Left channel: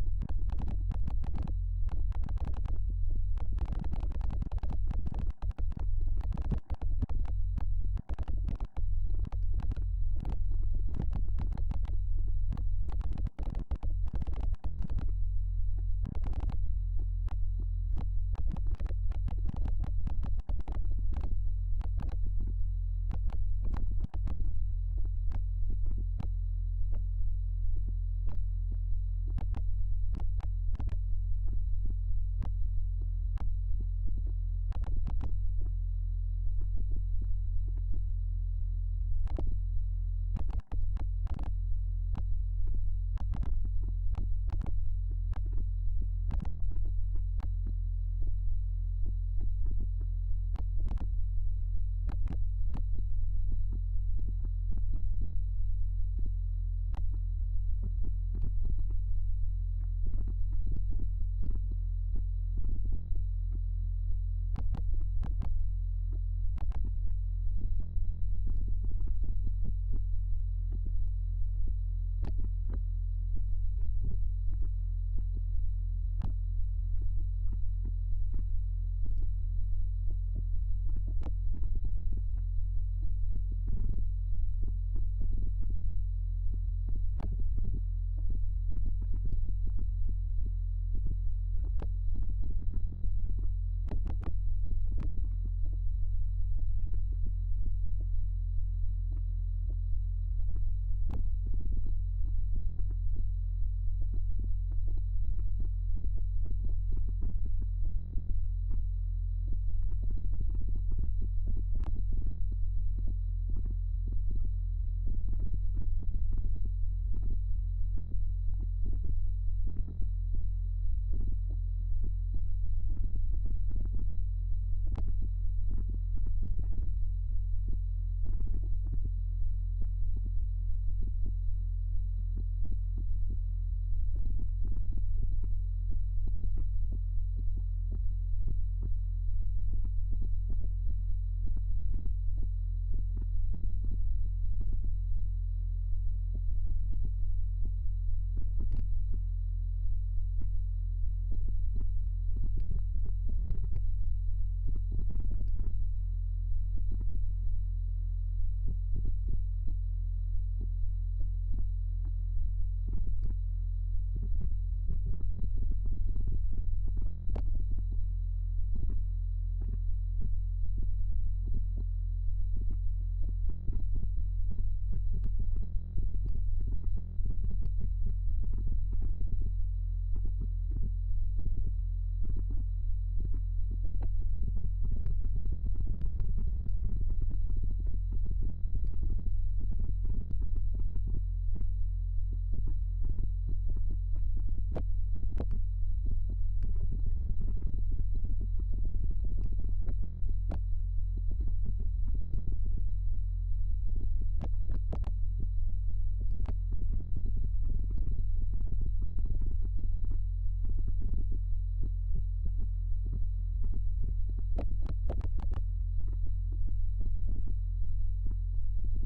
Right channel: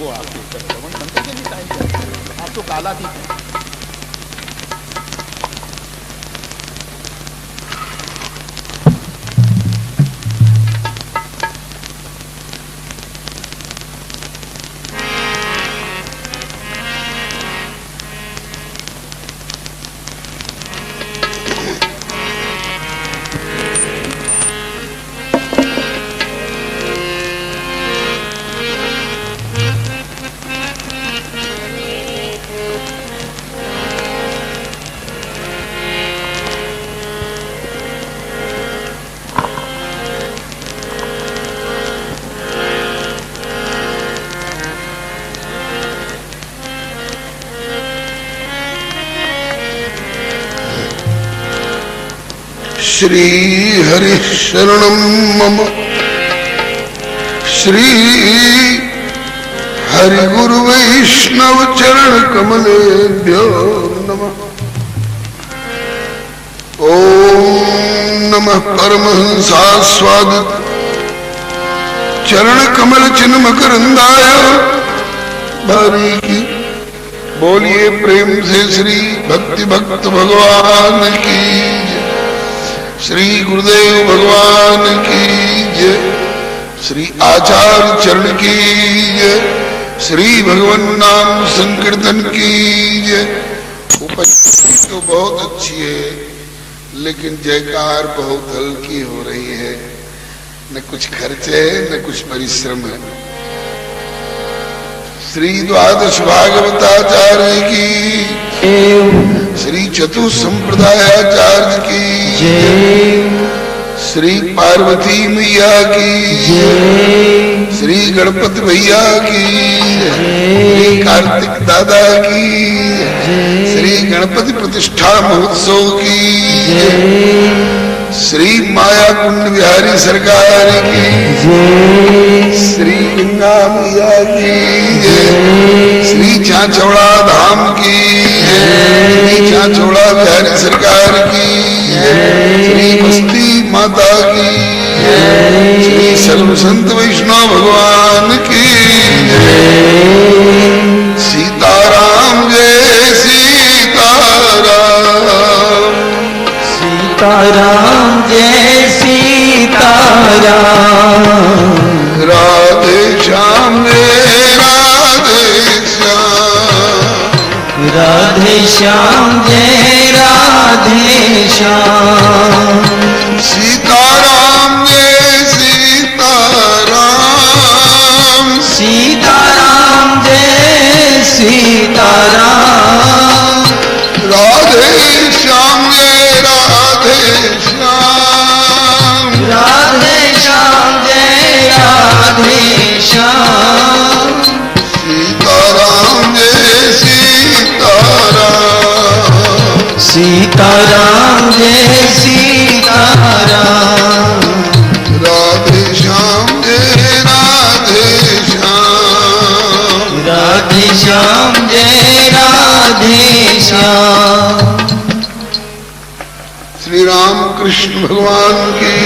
वो आपके श्रवण संत के भी टाइम चाहिए, आप तो कालातीत हैं। श्री हरि शरणं मम श्री हरि गुरु वैष्णव चरण कमलेभ्यो नमः। ओम नमः परमहंसास्वादित चरण कमल चिन्ह मकरंदाय भारी की बोलिए प्रेम से श्री भक्ति भक्त भगवान की, श्री गुरुदेव भगवान की जय, श्री आचार्य चरण की जय, श्री भगवान नाम संकीर्तन की जय। उपस्थिति तो बहुत अच्छी है, लेकिन जयकार बहुत हल्की हो रही है। न कुछ खर्च है न कुछ परिश्रम है। श्री द्वादश भागवताचार्य की, श्री चतुर्थ संप्रदायाचार्य की, श्री पार्वती मैया की, श्री गणपति भैया की, श्री कार्तिक दादा की, श्री गणपति प्रतिष्ठा महोत्सव की, श्री माया कुंड बिहारी सरकार की, श्री गंगा मैया की, श्री चाचौड़ा धाम की, श्री चाचौड़ा बिहारी सरकार की, श्री बस्ती माता की, श्री सर्व संत वैष्णव भगवान की। सीताराम जय सीताराम, सीताराम जय सीताराम, राधे श्याम जय राधे श्याम, राधे श्याम जय राधे श्याम, सीताराम जय सीताराम, सीताराम जय सीताराम, राधे श्याम जय राधे श्याम, राधे श्याम जय राधे श्याम, सीताराम जय सीताराम, सीताराम जय सीताराम, राधे श्याम जय राधे श्याम, राधे श्याम जय राधे श्याम। श्री राम कृष्ण भगवान की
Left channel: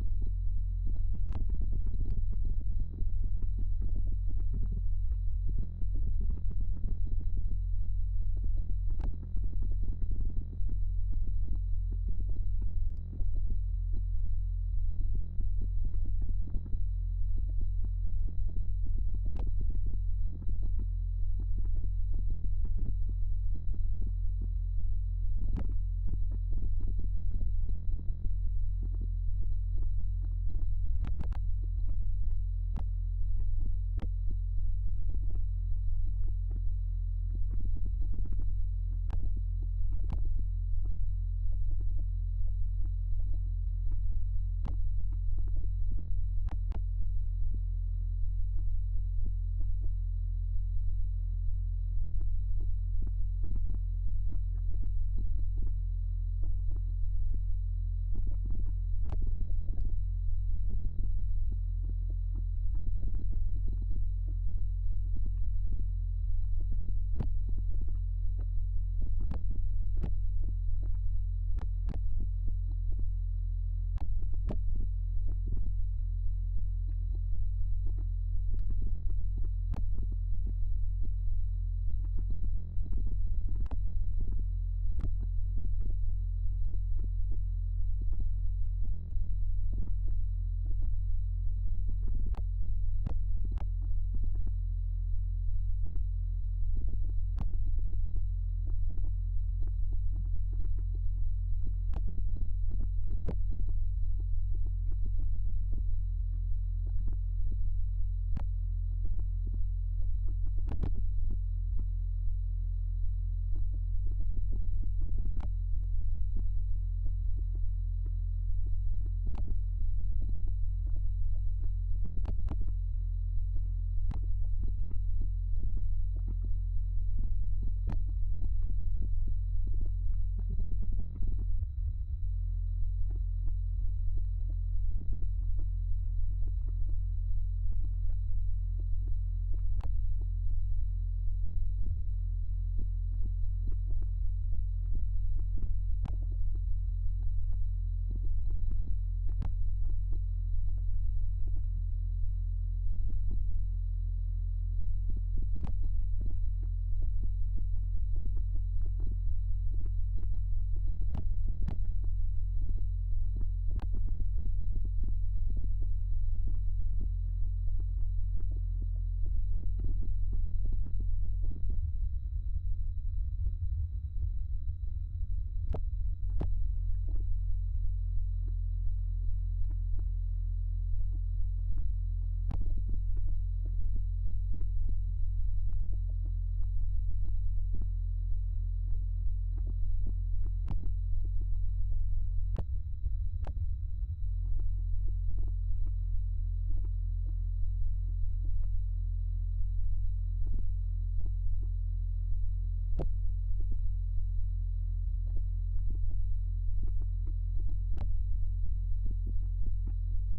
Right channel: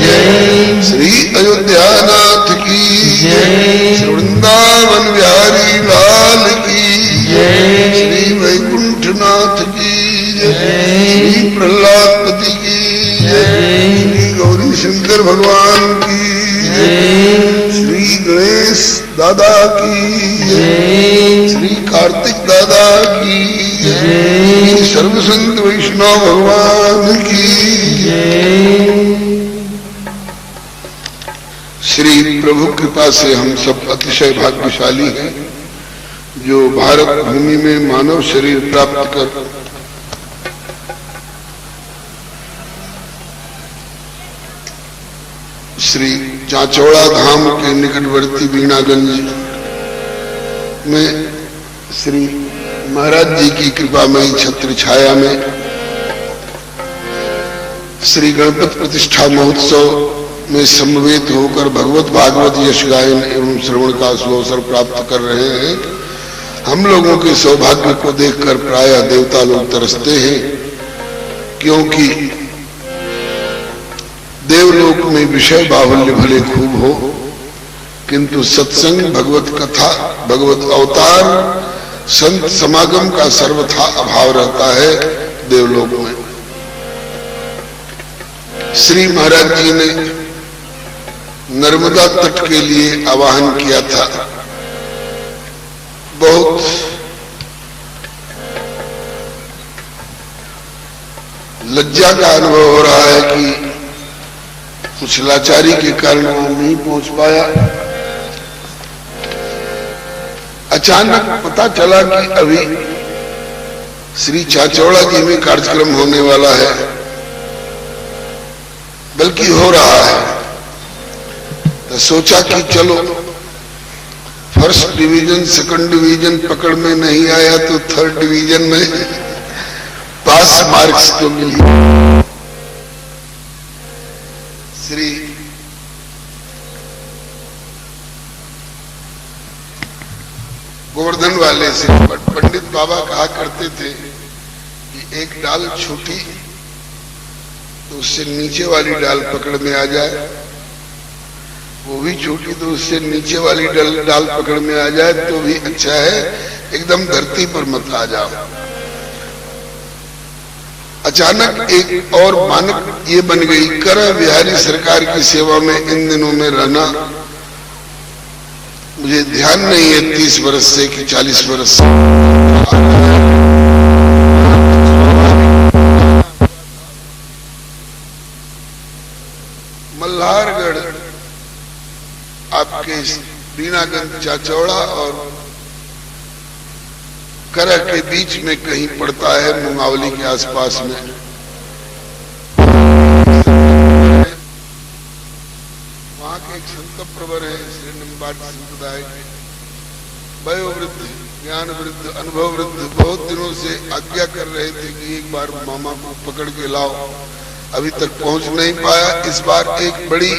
जय, श्री अयोध्यानाथ की जय, श्री वृंदावन बिहारी लाल की जय, श्री वैकुंठनाथ की जय, श्री प्रहलादपति की जय, श्री गौरी शंकर भगवान की जय, श्री गणेश दादा की जय, श्री कार्तिक दादा की जय, सर्व संत वैष्णव भगवान की जय। श्री प्रभु कृपा से हम सब अतिशय भाग्यशाली हैं, जो भारत भूमि में मानव शरीर प्राप्त कर श्री चाचौड़ा धाम के निकटवर्ती बीणागंज में श्री महाराज जी की कृपामयी छत्र छाया में श्री गणपति प्रतिष्ठा महोत्सव में समवेत होकर भगवत भागवत यश गायन एवं श्रवण का सुअवसर प्राप्त कर रहे हैं। हम लोगों के सौभाग्य को देखकर प्रायः देवता लोग तरसते हैं, क्योंकि देवलोक में विषय बाहुल्य भले खूब हो, किंतु सत्संग, भगवत कथा, भगवत अवतार, संत समागम का सर्वथा अभाव रहता है देवलोक में। श्री महाराज जी ने नर्मदा तट के लिए आवाहन किया था। बहुत लज्जा का अनुभव हो रहा है कि कुछ लाचारी के कारण वहां नहीं पहुंच पाया। अचानक पता चला कि अभी श्री चाचौड़ा जी में कार्यक्रम होने वाला है, बल्कि हो रहा है। तो सोचा कि चलो फर्स्ट डिवीजन सेकंड डिवीजन पकड़ में नहीं आया तो थर्ड डिवीजन में पास मार्क्स तो मिली। श्री गोवर्धन वाले से पंडित बाबा कहा करते थे कि एक डाल छोटी तो उससे नीचे वाली डाल पकड़ में आ जाए, वो भी छोटी तो उससे नीचे वाली डाल पकड़ में आ जाए तो भी अच्छा है, एकदम धरती पर मत आ जाओ। अचानक एक और मानक ये बन गई, कर बिहारी सरकार की सेवा में इन दिनों में रहना। मुझे ध्यान नहीं है 30 वर्ष से कि 40 वर्ष से। मल्हारगढ़ आपके बीनागंज चाचौड़ा और करह के बीच में कहीं पड़ता है, मुंगावली के आसपास में। वहां के एक संत प्रवर है श्री निम्बाट संप्रदाय के, वयोवृद्ध, ज्ञान वृद्ध, अनुभव वृद्ध, बहुत दिनों से आज्ञा कर रहे थे कि एक बार मामा को पकड़ के लाओ, अभी तक पहुंच नहीं पाया। इस बार एक बड़ी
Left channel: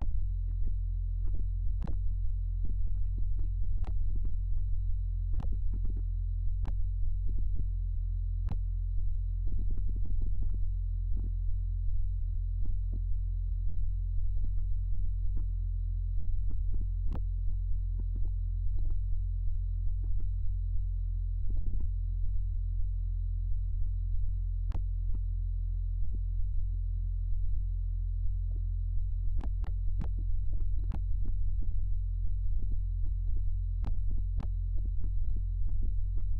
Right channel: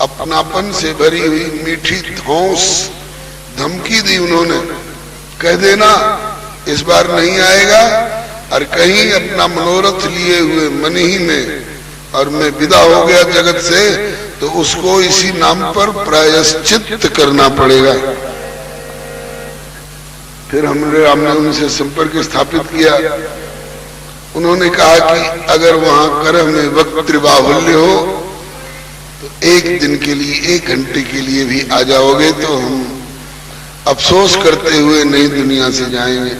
अपनापन से भरी हुई मीठी धौंस धमकी दी उन्होंने, कह देना इस बार नहीं आएगा और कहीं अपना मनोरथ लिए हुए मन ही में और मैं विदा हो गया जगत से तो उसको इसी नाम पर प्रायश्चित करना पड़ेगा। फिर हमने उनसे संपर्क स्थापित किया। उन्होंने कहा कि अगर वहां करह में वक्त बाहुल्य हो तो एक दिन के लिए, 1 घंटे के लिए भी आ जाओगे तो हम अफसोस करते हुए नई दुनिया से जाएंगे।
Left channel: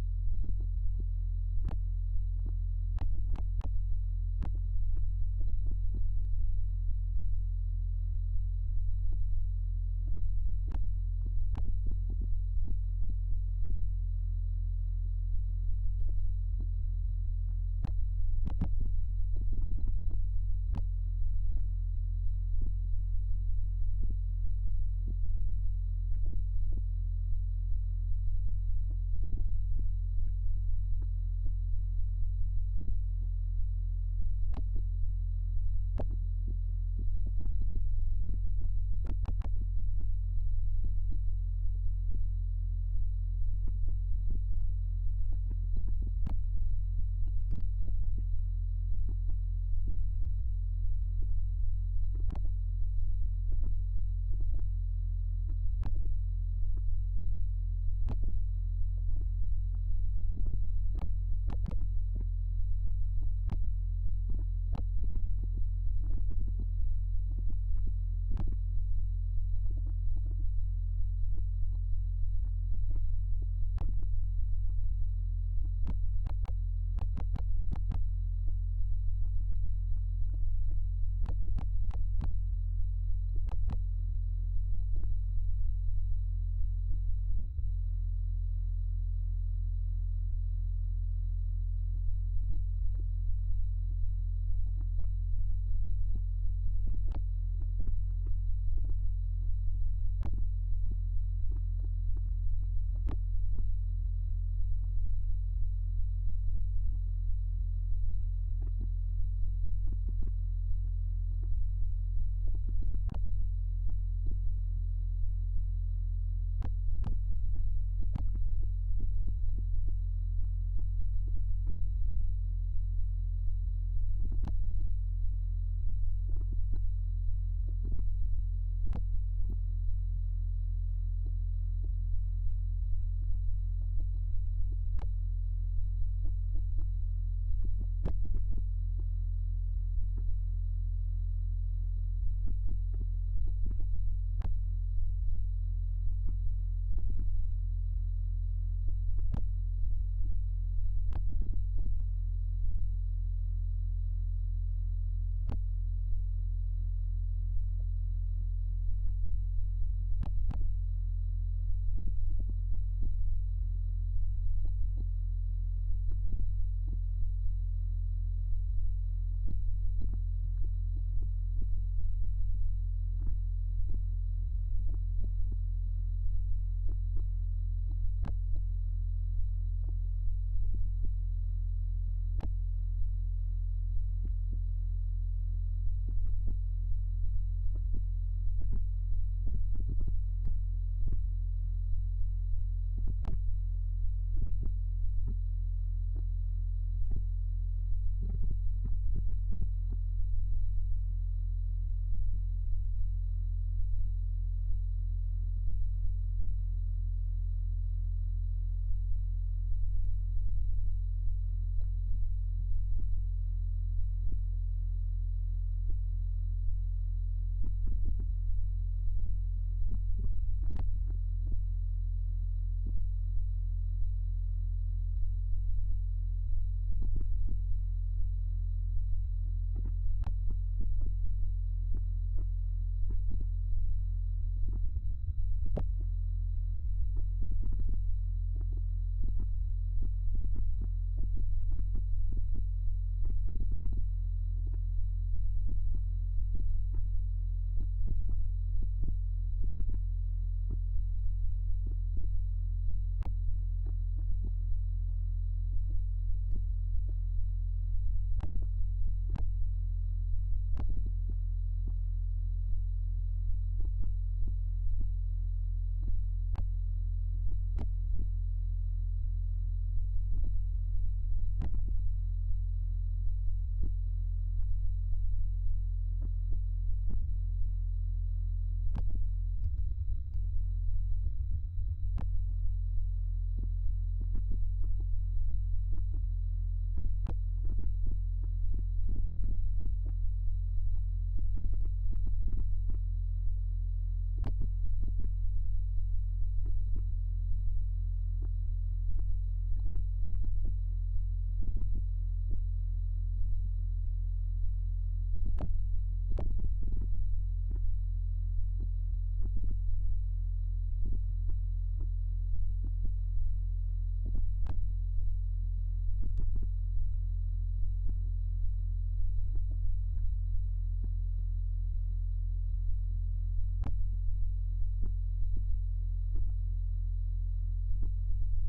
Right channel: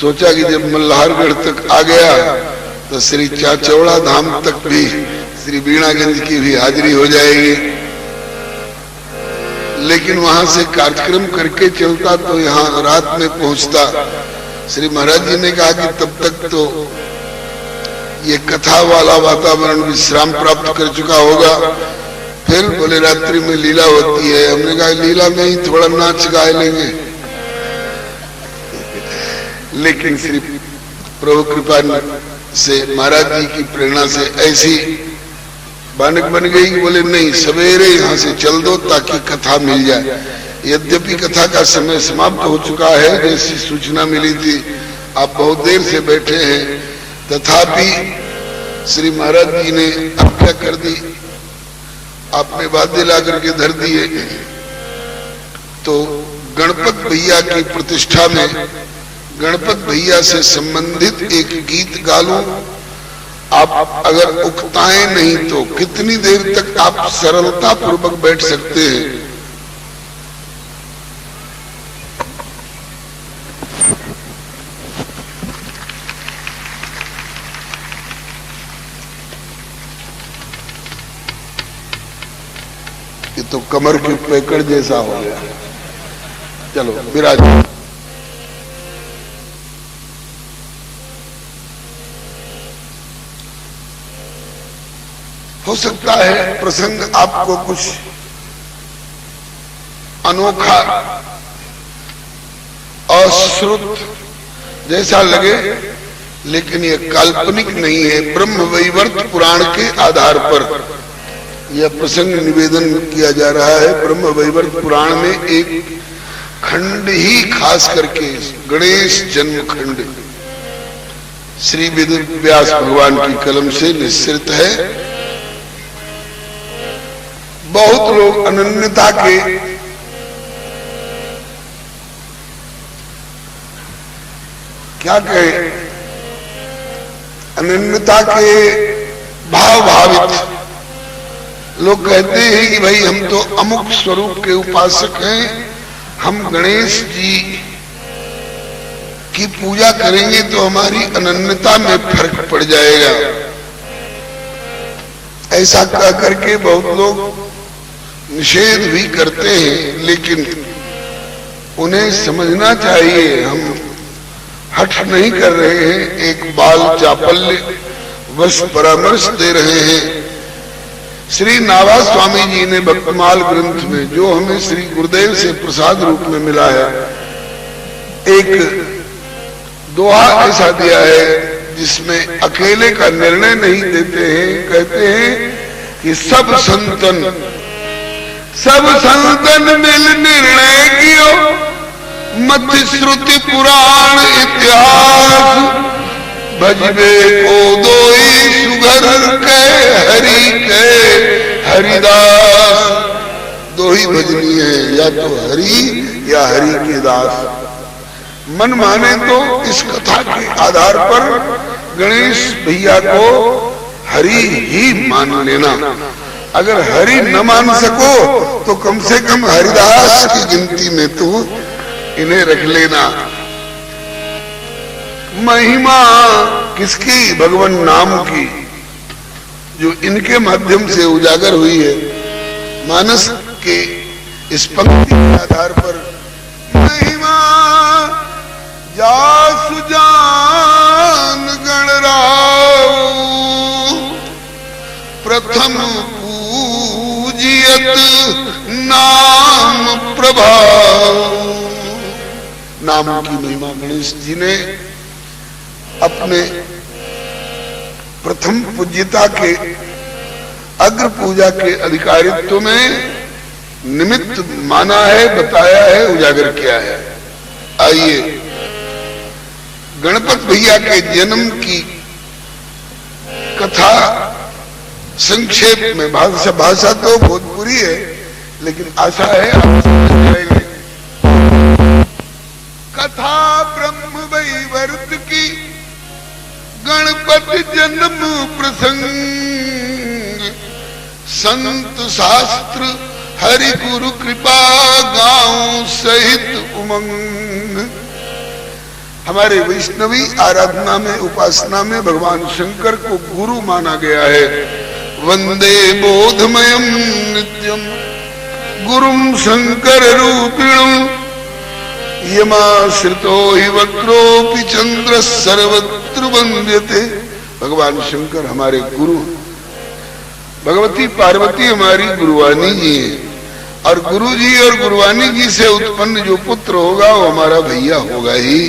सोचा कि जब मल्हारगढ़ तक आ गया तो श्री चाचौड़ा धाम तक भी श्री बीणागंज की भी हाजिरी हो जाएगी। लेकिन वहां से कार्यक्रम करके चलता तो यहाँ रात में पहुंचता। श्री महाराज जी ने कहा कि तब तक तो ये कथा वाला वातावरण विश्राम प्राप्त कर चुका होगा। फिर बोले रात्रि में लीला होती है। हमने कहा लीला में ही थोड़ा नाच गा लेंगे, लेकिन श्री प्रभु कृपा से महाराज जी की प्रेरणा से ऐसी बानक बन गई। बोले नहीं, सवेरे यहाँ से चल दो ताकि कथा मिल जाए। यद्यपि कथा का समय समाप्त हो चुका है, जैसी सूचना मिली थी आप बहुत देर से बैठे हैं, तथापि श्री महाराज जी ने आज्ञा कर दी, आपने वाद्य ला करके धर दिए। तो गणपत भैया की प्रतिष्ठा में गणपत भैया से संबंधित एक गीत गा लूं। आप अगर उकताएं नहीं तो कितनी देर तक आप सरलता पूर्वक बैठ सकते हैं। ये तो कमर के पैकड़ जैसा हो गया। चलो विराज। हो सकता है प्रसंग आपको कुछ अनोखा अश्रुत जैसा लगे, लेकिन यह काल्पनिक नहीं है। ब्रह्म वैवर्त पुराण के आधार पर यह प्रसंग निवेदन किया जा रहा है। ब्रह्म वैवर्त पुराण में एक खंड ही खास करके गणेश जन्म खंड श्री वेद व्यास भगवान की कलम से निश्चित है। बहुत लोग अनन्यता के क्या कहे, अनन्यता के भाव भावित लोग कहते हैं कि भाई हम तो अमुक स्वरूप के उपासक हैं, हम गणेश जी की पूजा करेंगे तो हमारी अनन्यता में फर्क पड़ जाएगा। ऐसा कह करके बहुत लोग निषेध भी करते हैं, लेकिन उन्हें समझना चाहिए हम हठ नहीं कर रहे हैं, एक बाल चापल्य वश परामर्श दे रहे हैं। श्री नाभा स्वामी जी ने भक्तमाल ग्रंथ में, जो हमें श्री गुरुदेव से प्रसाद रूप में मिला है, एक दोहा ऐसा दिया है जिसमें अकेले का निर्णय नहीं देते हैं। कहते हैं कि सब संतन मिल निर्णय कियो, मत श्रुति पुराण इतिहास, भजबे को दोई सुघर के हरि के हरिदास। दो ही भजनी है, या तो हरि या हरि के दास। मन माने तो इस कथा के आधार पर गणेश भैया को हरि ही मान लेना, अगर हरि न मान सको तो कम से कम हरिदास की गिनती में तो इन्हें रख लेना। महिमा किसकी? भगवान नाम की, जो इनके माध्यम से उजागर हुई है। मानस के इस पंक्ति के आधार पर महिमा जासु जान गणराव, प्रथम पूजियत नाम प्रभाव। नाम की महिमा गणेश जी ने अपने प्रथम पूज्यता के अग्र पूजा के अधिकारित्व में निमित्त माना है, बताया है, उजागर किया है। आइए गणपत भैया के जन्म की कथा संक्षेप में, भाषा तो भोजपुरी है, लेकिन आशा है आप समझ जाएंगे। कथा ब्रह्म वैवर्त की, गणपति जन्म प्रसंग, संत शास्त्र हरि गुरु कृपा गांव सहित उमंग। हमारे वैष्णवी आराधना में, उपासना में भगवान शंकर को गुरु माना गया है। वंदे बोधमयम नित्यम गुरुम शंकर रूपिणम, यमाश्रितो हि वक्रोपि चंद्र सर्वत्र वंद्यते। भगवान शंकर हमारे गुरु, भगवती पार्वती हमारी गुरुवानी जी है, और गुरु जी और गुरुवानी जी से उत्पन्न जो पुत्र होगा वो हमारा भैया होगा ही।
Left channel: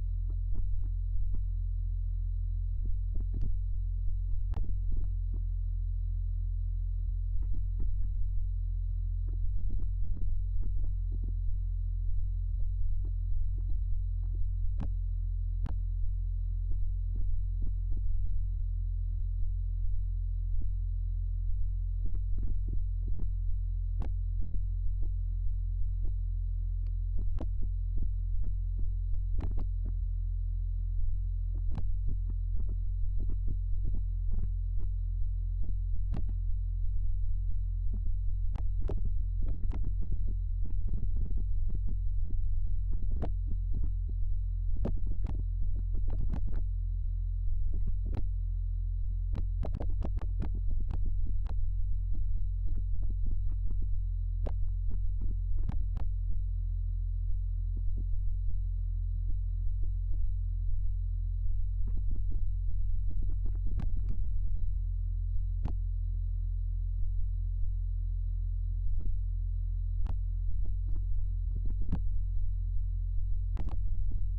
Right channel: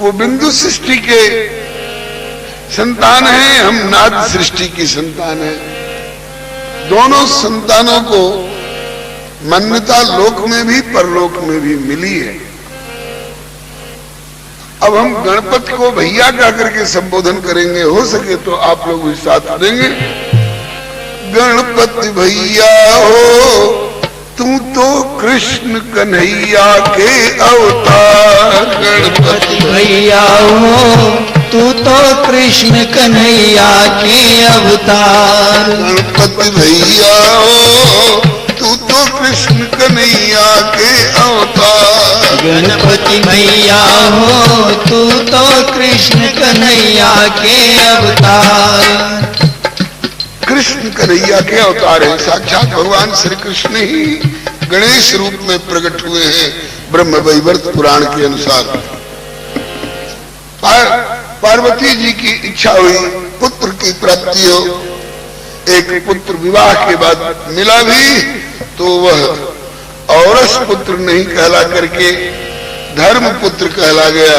वो बिंदु सृष्टि के संतान हैं, हम नाद सृष्टि की संतान हैं। दोनों संतानों को मान्यता लोक में भी परलोक में भी मिली है। अब हम गणपति को भैया कह करके संबोधन करेंगे, हो सके तो आप लोग भी साथ देंगे। गणपति भैया हो तू तो कृष्ण कन्हैया के अवतार। गणपति भैया हो तू तो कृष्ण कन्हैया के अवतार। गणपति भैया हो तू तो कृष्ण कन्हैया के अवतार। गणपति भैया हो तू तो कृष्ण कन्हैया के अवतार। कृष्ण कन्हैया के अवतार है, साक्षात भगवान श्री कृष्ण ही गणेश रूप में प्रकट हुए हैं। ब्रह्म वैवर्त पुराण के अनुसार पार्वती जी की इच्छा हुई पुत्र की प्राप्ति हो। एक पुत्र विवाह के बाद मिला भी तो वह औरस पुत्र नहीं कहला करके धर्म पुत्र कहला गया।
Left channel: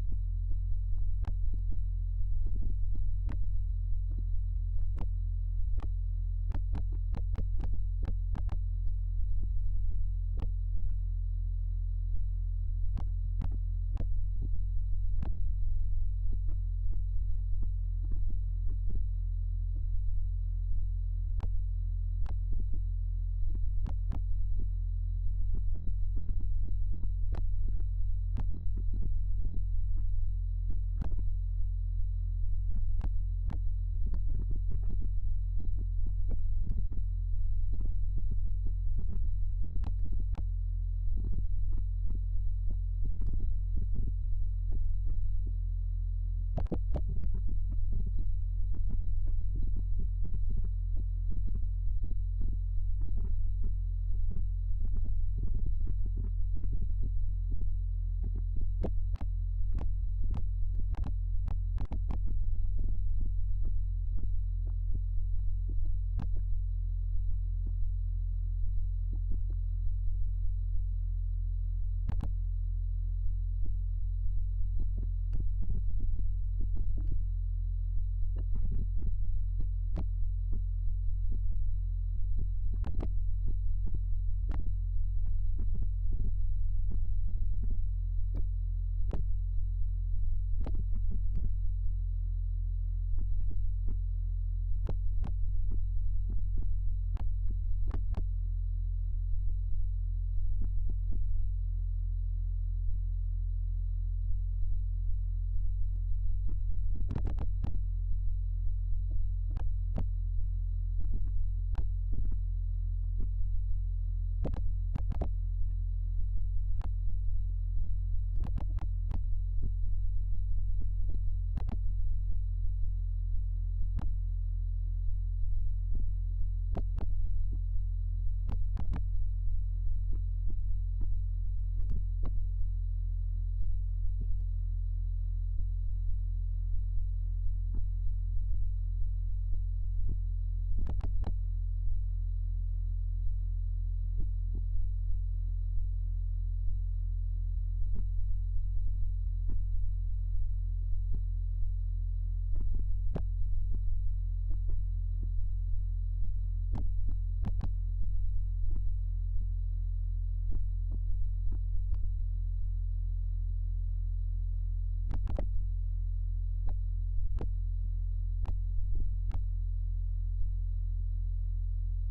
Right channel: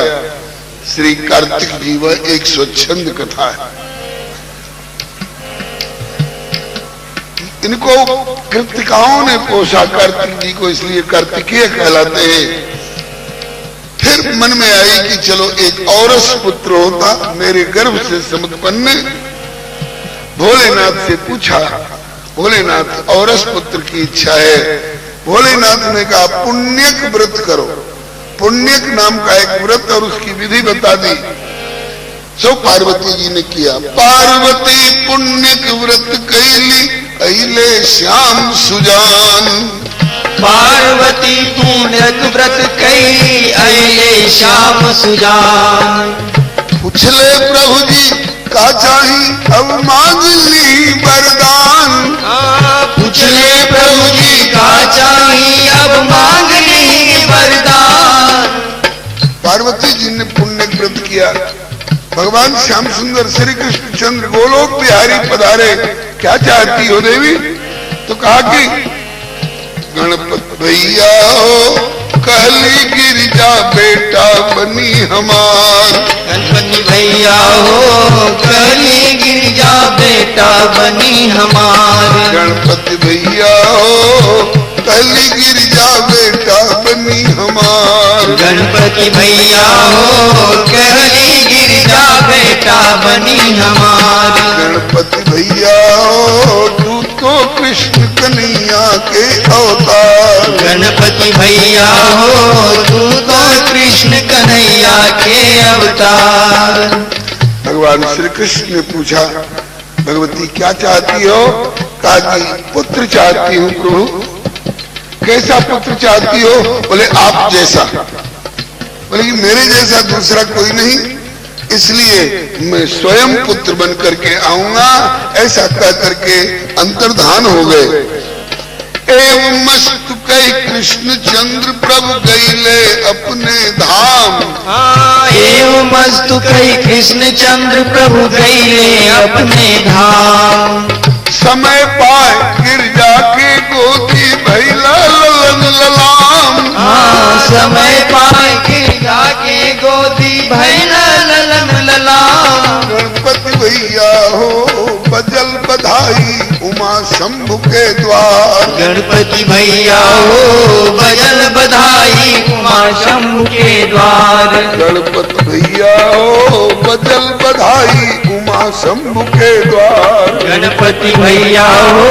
श्री कार्तिक जी वह एक स्वच्छंद कथा है। इनको कृतिकाओं ने पोषा कार्तिक जी को, इसलिए कार्तिकेय कहलाते हैं। फिर मन में आई कि चलो एक औरस पुत्र होता मेरे गर्भ से समुत्पन्न। भोलेनाथ से पूछा, भोलेनाथ औरस पुत्र की इच्छा है। भोलेनाथ ने कहा पुण्यक व्रत करो। पुण्यक नाम का एक व्रत और उसकी विधि बता दी। सो पार्वती जी ने किया। पार्वती पुण्यक व्रत कैली अइले श्याम सुजान। पार्वती पुण्यक व्रत कैली अइले श्याम सुजान। पूछले प्रभु जी का चाही अब मांग ली वरदान। पूछले प्रभु जी का चाही अब मांग ली वरदान। पार्वती जी ने पुण्य व्रत किया। भगवान श्याम सुंदर श्री कृष्ण चंद्र गोलोक बिहारी पधारे। क्या चाहती हो देवी? तो कहा कि गणपत भैया हो कहली गिरिजा बेटा बनी हमार। गणपति भैया हो कहली गिरिजा बेटा बनी हमार। गणपति भैया हो कहली गिरिजा बेटा बनी हमार। गणपति भैया हो कहली गिरिजा बेटा बनी हमार। गणपति भैया हो तू तो कृष्ण कन्हैया के अवतार। गणपति भैया हो तू तो कृष्ण कन्हैया के अवतार। भगवान श्री कृष्ण ने पूछा भगवती क्या चाहती हो? कहा कि पुत्र चाहती हूँ प्रभु। कैसा पुत्र चाहती हो? बोले आप जैसा। बोले कि मेरे जैसा दूसरा कोई नहीं, इसलिए मैं स्वयं पुत्र बन करके आऊंगा। ऐसा कह करके अंतर्धान हो गए। एवं मस्तु कई कृष्ण चंद्र प्रभु गईले अपने धाम। एवं मस्तु कई कृष्ण चंद्र प्रभु गईले अपने धाम। समय पाए गिरजा के गोदी भैला ललन ललाम। समय पाए गिरजा के गोदी भैला ललन ललाम। गणपति भैया हो बजल बधाई उमा शंभु के द्वार। गणपति भैया हो बजल बधाई उमा शंभु के द्वार। गणपति भैया हो बजल बधाई उमा शंभु के द्वार। गणपति भैया हो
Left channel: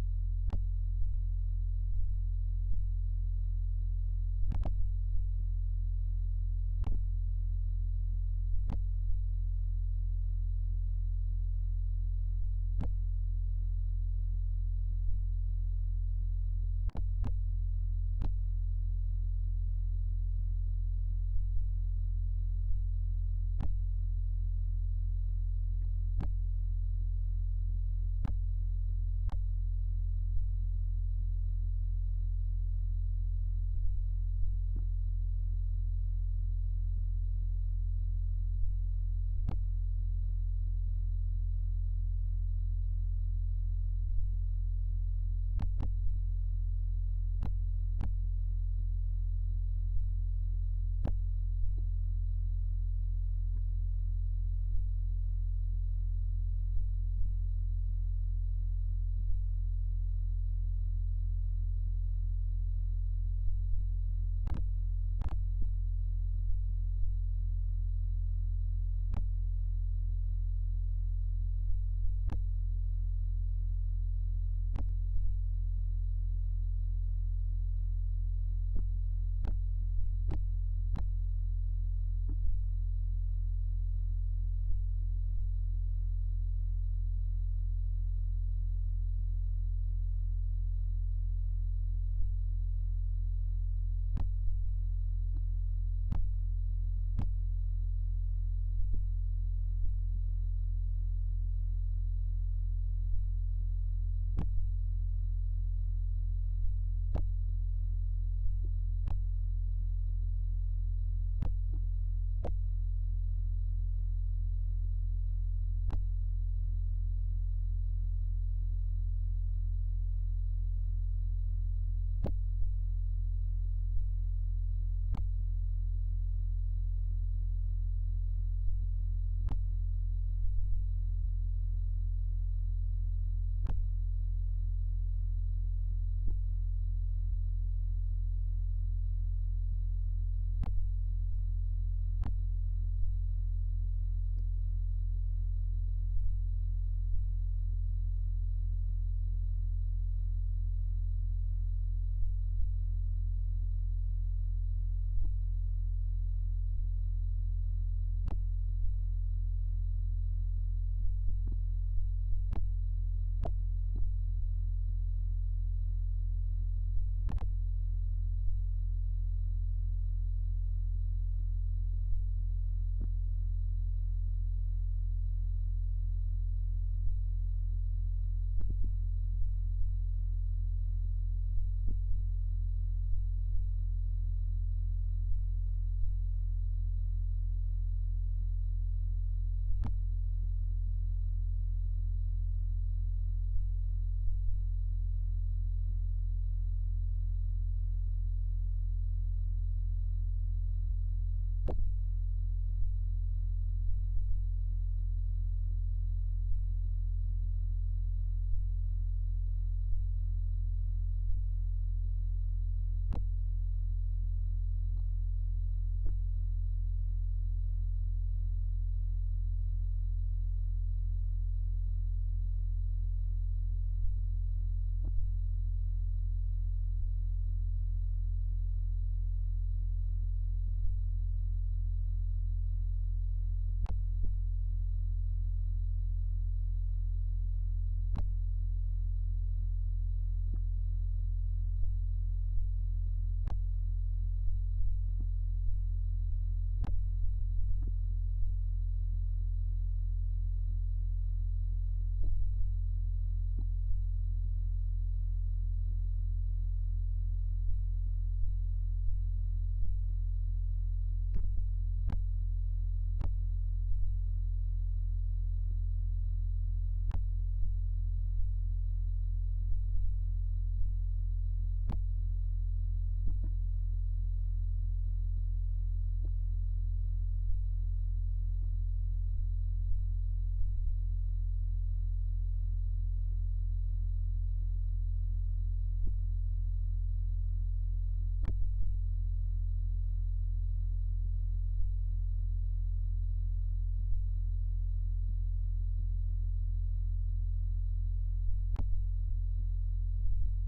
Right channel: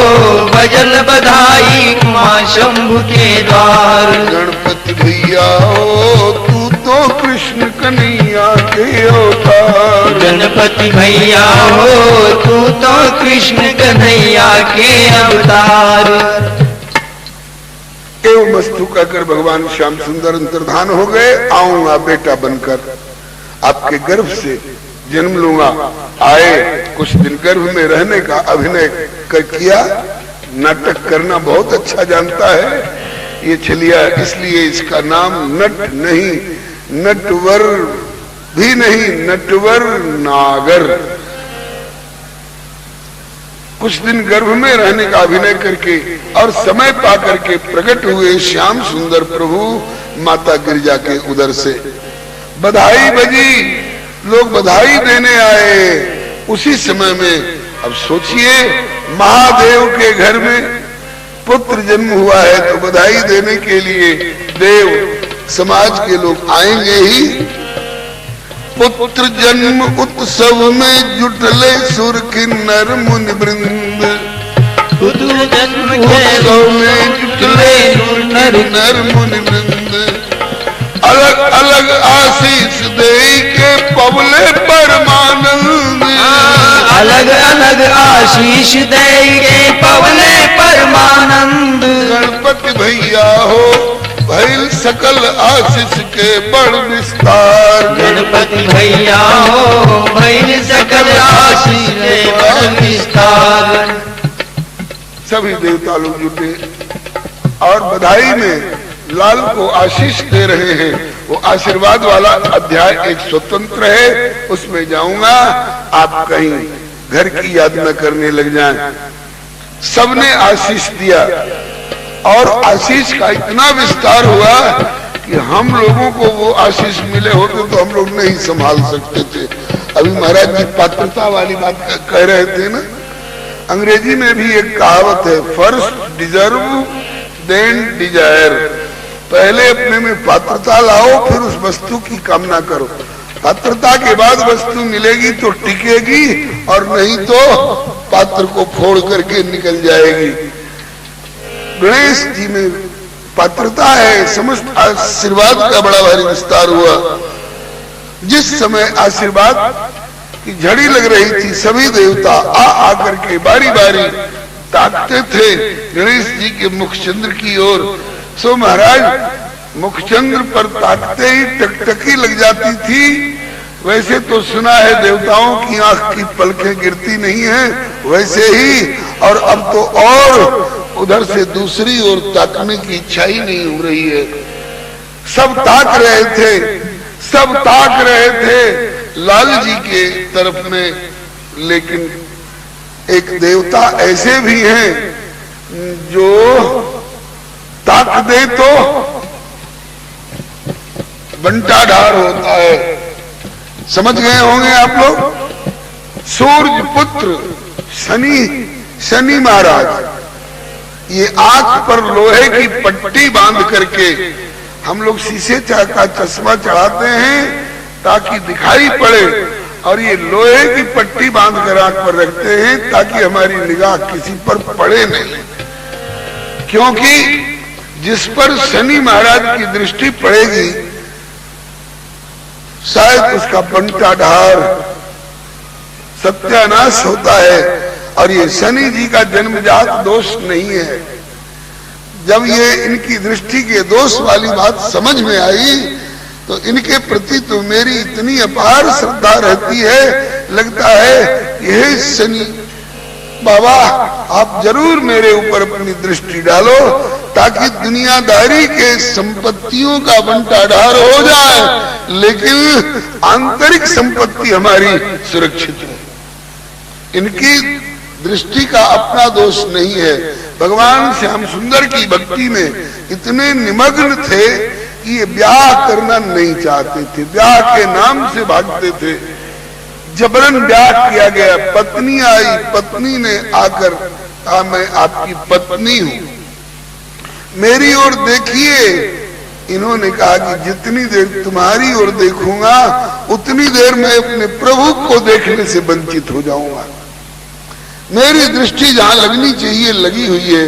बजल बधाई उमा शंभु के द्वार। गणपति भैया हो तू तो कृष्ण कन्हैया के अवतार। गणपति भैया हो तू तो कृष्ण कन्हैया के अवतार। एवं वस्तु कहकर भगवान श्याम सुंदर अंतर्धान हो गए। आऊंगा बेटा बनकर, आपके गर्भ से जन्म लूंगा। आए, कुछ दिन गर्भ में रहने का अभिनय कर किया। नाटक करना बहुत अच्छा जानता है ये छलिया, इसलिए इसका नाम नट नहीं, नटवर भी नहीं, नटवर नागर। कुछ दिन गर्भ में रहने का अभिनय करके और समय पा करके प्रकट हुए श्याम सुंदर प्रभु माता गिरिजा के उदर से। बधाई बजी, लोग बधाई देने आए। उसी समय में अब सोचिए महादेव के घर में पुत्र जन्म हुआ है तो बधाई देने के लिए देव समाज के लोग आएंगे ही। पुत्र जन्म उत्सव में जुटले सुर किन्नर मुनि वृंद। पुत्र जन्म उत्सव में जुटले सुर किन्नर मुनि वृंद। अलग अलग आशीष दे के पवले परमानंद। अलग अलग आशीष दे के पवले परमानंद। गणपति भैया हो भैल सकल आशीष के बड़ विस्तार। गणपति भैया हो भैल सकल आशीष के बड़ विस्तार। सभी देवता लोग जुटे और बधाई में लाल को आशीष दे रहे हैं। वो आशीर्वाद वाला अध्याय एक स्वतंत्र है, उसमें जाऊंगा। आप कहीं घर की याद न करने लग जाएं। सबने आशीष दिया और आशीष का इतना विस्तार हुआ कि हम लोगों को वो आशीष मिले होते तो हम लोग नहीं संभाल सकते थे। अभी महाराज जी पात्रता वाली बात कह रहे थे ना। अंग्रेजी में भी एक कहावत है, फर्स्ट डिजर्व देन डिजायर। पहले अपने में पात्रता लाओ, फिर उस वस्तु की कामना करो। पात्रता के बाद वस्तु मिलेगी तो टिकेगी, और नहीं तो पात्र को फोड़ करके निकल जाएगी। गणेश जी में पात्रता है, समस्त आशीर्वाद का बड़ा भारी विस्तार हुआ। जिस समय आशीर्वाद की झड़ी लग रही थी, सभी देवता आ आकर के बारी बारी ताकते थे गणेश जी के मुखचंद्र की ओर। सो महाराज मुखचंद्र पर ताकते ही टकटकी लग जाती थी। वैसे तो सुना है देवताओं की आंख की पलकें गिरती नहीं है, वैसे ही, और अब तो और उधर से दूसरी ओर ताकने की इच्छा ही नहीं हो रही है। सब ताक रहे थे, सब ताक रहे थे लाल जी के तरफ में, लेकिन एक देवता ऐसे भी हैं जो ताक दे तो बंटाढार होता है। समझ गए होंगे आप लोग। सूर्य पुत्र शनि महाराज ये आंख पर लोहे की पट्टी बांध करके, हम लोग शीशे का चश्मा चढ़ाते हैं ताकि दिखाई पड़े, और ये लोहे की पट्टी बांध कर आंख पर रखते हैं ताकि हमारी निगाह किसी पर पड़े नहीं। क्योंकि जिस पर शनि महाराज की दृष्टि पड़ेगी शायद उसका बंटाढार सत्यानाश होता है। और ये शनि जी का जन्मजात दोष नहीं है। जब ये इनकी दृष्टि के दोष वाली बात समझ में आई तो इनके प्रति तो मेरी इतनी अपार श्रद्धा रहती है, लगता है यह शनि बाबा आप जरूर मेरे ऊपर अपनी दृष्टि डालो ताकि दुनियादारी के संपत्तियों का बंटाढार हो जाए, लेकिन आंतरिक संपत्ति हमारी सुरक्षित है। इनकी दृष्टि का अपना दोष नहीं है। भगवान श्याम सुंदर की भक्ति में इतने निमग्न थे कि ये ब्याह करना नहीं चाहते थे, ब्याह के नाम से भागते थे। जबरन ब्याह किया गया, पत्नी आई, पत्नी ने आकर कहा मैं आपकी पत्नी हूं, मेरी ओर देखिए। इन्होंने कहा कि जितनी देर तुम्हारी ओर देखूंगा उतनी देर मैं अपने प्रभु को देखने से वंचित हो जाऊंगा। मेरी दृष्टि जहां लगनी चाहिए लगी हुई है,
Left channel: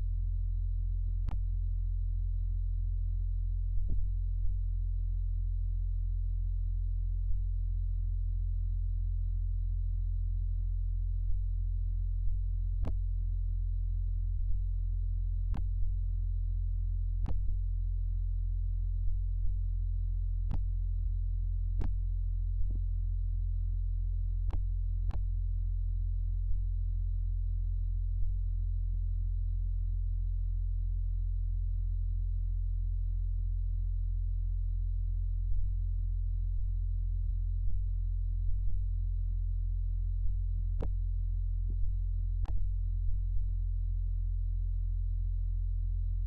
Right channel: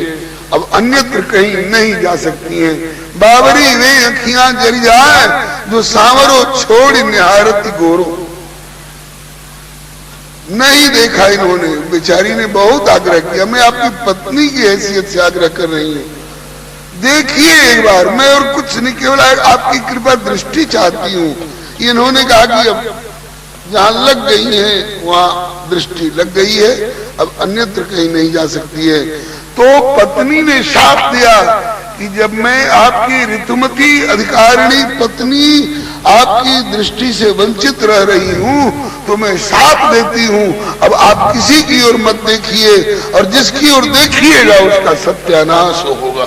अब अन्यत्र कहीं नहीं जा सकती हैं। बाबरी वे अखियां जरी जाए जो सांवरो छोड़ निहारती गोरो। नहीं देखा इन्होंने, बेचारी ने बहुत आग्रह किया, मैं आपकी पत्नी की हैसियत से आग्रह कर रही हूँ, देखिए एक बार, मैं और कुछ नहीं, केवल आपकी कृपा दृष्टि चाहती हूँ। इन्होंने कहा कि अब जहां लग गई है वहां दृष्टि लग गई है, अब अन्यत्र कहीं नहीं जा सकती है। तो पत्नी ने शाप दिया कि जब मैं आपकी ऋतुमती अधिकारिणी पत्नी आपकी दृष्टि से वंचित रह रही हूं तो मैं शाप देती हूं, अब आप किसी की ओर मत देखिए, और जिसकी ओर देखिएगा उसका सत्यानाश होगा।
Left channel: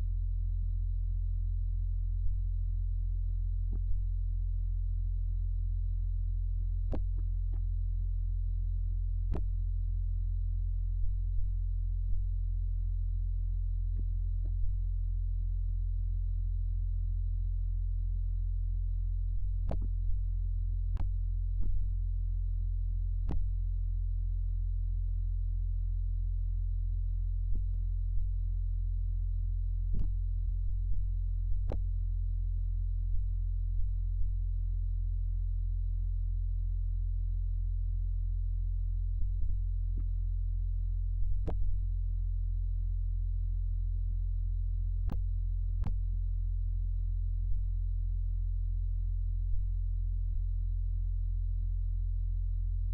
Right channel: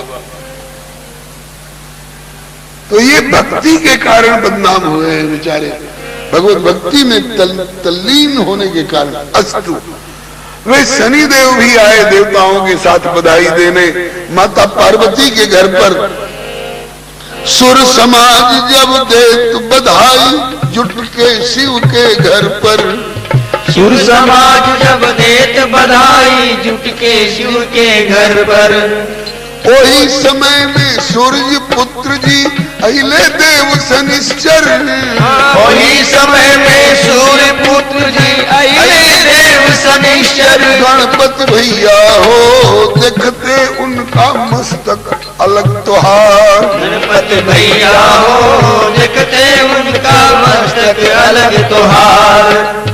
तो ये भक्ति के कारण बदनाम हुए हैं बेचारे, भगवत भक्ति में तल्लीन होने के कारण। अस्तु, वे शनिदेव भी आए देवताओं के साथ बधाई देने माता पार्वती के घर पर। सुर समाज जब देत बधाई जुट के शिव के घर पर। सुर समाज जब देत बधाई जुट के शिव के घर पर। वही समय में सूर्य पुत्र जी अहिले देव शनिश्चर। वही समय में सूर्य पुत्र जी अहिले देव शनिश्चर। गणपति भैया हो देखते उनका मस्तक अलग त्योहार। गणपति भैया हो देखते उनका मस्तक अलग त्योहार।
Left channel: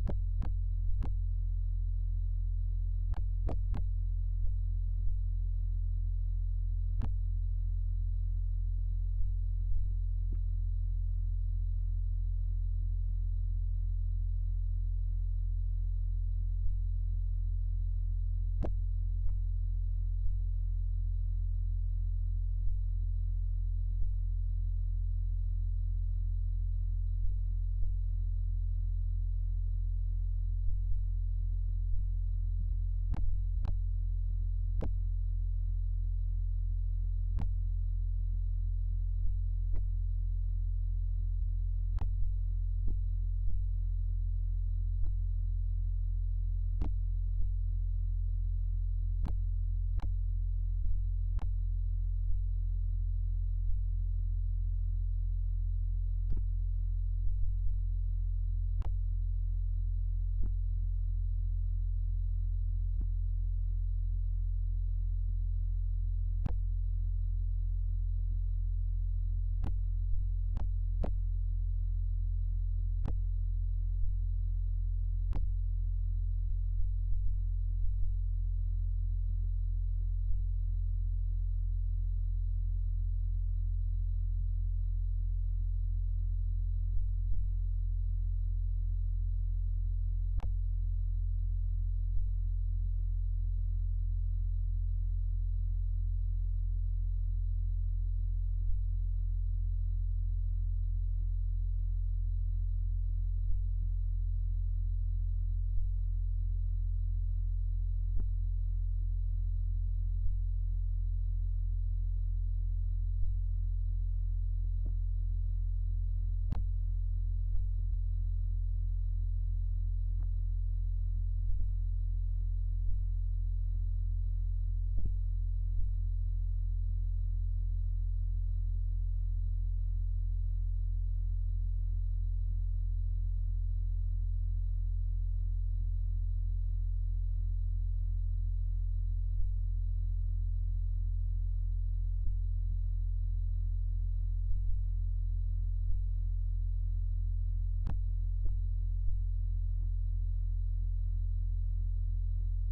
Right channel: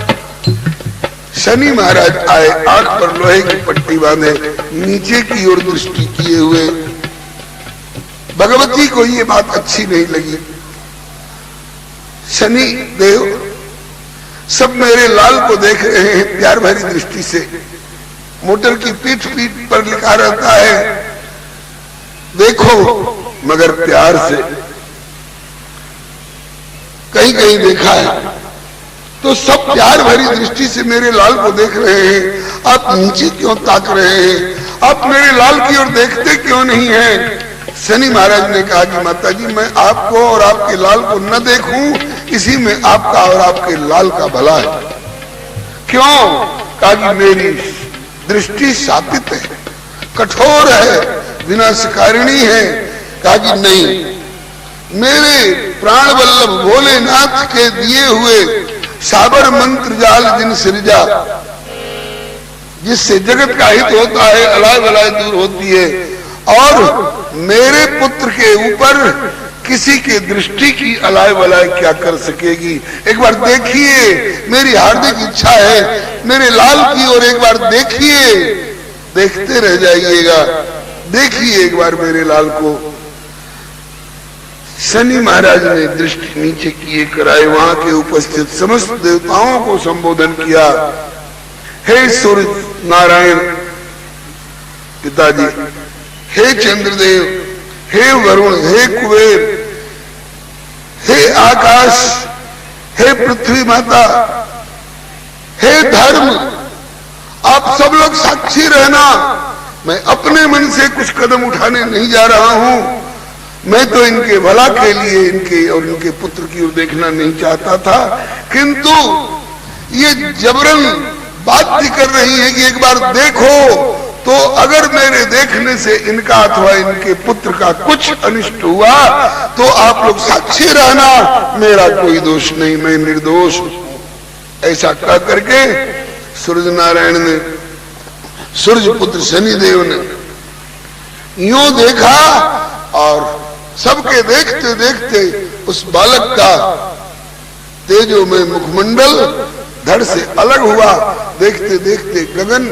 शनि महाराज आए, आंख पर लोहे की पट्टी बांधे, नीचे की ओर दृष्टि किए हुए। भगवती को ये बात अच्छी नहीं लगी। शनि देव सब मेरे लाल को देख रहे हैं प्यार भरी दृष्टि से। मोटर की पीठ पर लिखा रहता है देखो मगर प्यार से, कहीं कहीं देखा है। तो सब प्यार भरी दृष्टि से मेरे लाल को देख रहे हैं, आप नीचे क्यों ताक रहे हैं? आप मेरे लाल की ओर देखते क्यों नहीं हैं? शनि महाराज ने कहा कि माता जी मैं आपको और आपके लाल को न देखूं, इसी में आपका और आपके लाल का भला है। क्यों? कहा कि मेरी दृष्टि शापित है, कठोर है, विनाशकारिणी है। कहा कि नहीं, मेरे प्राण वल्लभ भोलेनाथ के दिए हुए साबर मंत्र जाल जिन सृजा, जिससे जगत का हित होता है, अलाय वलाय दूर होती है, और मेरे पुत्र के ऊपर किसी के दृष्टि की अलाय वलाय क्या कर सकेगी। एक बार देखिए, मेरी हार्दिक इच्छा है, मेरे लाल की ओर एक बार देखिए, देखते रह जाइएगा, देखिए एक बार मेरे लाल को। शनि महाराज ने दृष्टि नीचे किए कराए, वहां के उपस्थित समस्त देवताओं को संबोधन किया। हे सूर्य नारायण पिताजी, हे चंद्रदेव, हे वरुण, हे कुबेर, हे आकाश, हे पृथ्वी माता, हे धर्म, आप सब लोग साक्षी रहना। मैं अपने मन से कुछ कदम उठाने नहीं जा रहा हूं। मैं तो इनके भला के लिए इनके और इनके पुत्र की ओर देखना नहीं चाहता था, किंतु ये जबरन बात कर रही है कि एक बार देखो, तो अगर मेरे देखने से इनका अथवा इनके पुत्र का कुछ अनिष्ट हुआ तो आप लोग साक्षी रहना, मेरा कोई दोष नहीं, मैं निर्दोष। ऐसा कह करके सूर्य नारायण ने, सूर्य पुत्र शनिदेव ने यूं देखा और सबके देखते देखते उस बालक का तेजोमय मुखमंडल धड़ से अलग हुआ। देखते देखते गगन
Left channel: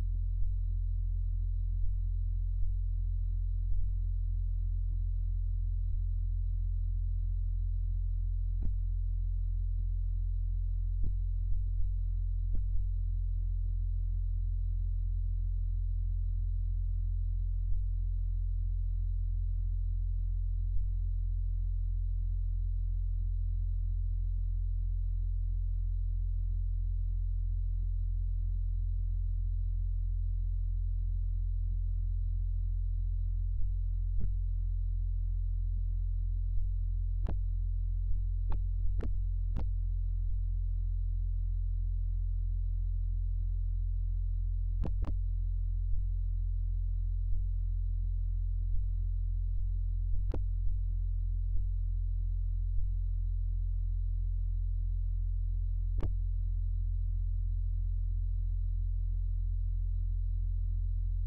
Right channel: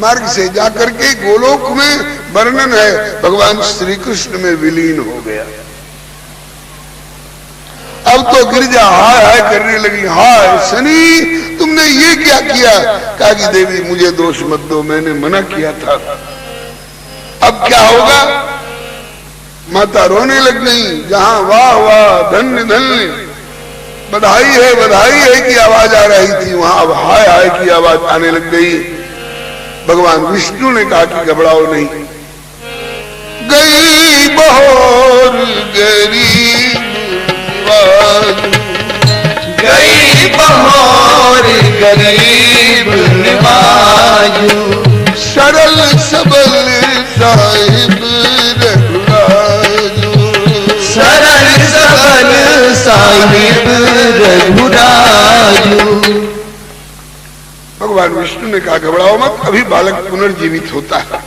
मार्ग से जाकर के गोलोक में वर्णन है भगवान श्री कृष्ण में विलीन हो गया। अब तो गिरिजा हाय हाय करने लगी, हाय शनि तुमने ये क्या किया? कहा कि देवी मुझे दोष मत दो, मैंने मना किया था। अब क्या होगा? माता रोने लग गई। जहां वाह वाह धन्य धन्य बधाई है की आवाज आ रही थी, वहां अब हाय हाय की आवाज आने लग गई। भगवान विष्णु ने कहा कि घबराओ नहीं, गई बहोर गरीब निवाजू, गई बहोर गरीब निवाजू, सरल सबल साहिब रघुराजू, सरल सबल साहिब रघुराजू। भगवान विष्णु ने कहा घबराओ मत, अभी बालक पुनर्जीवित होता है।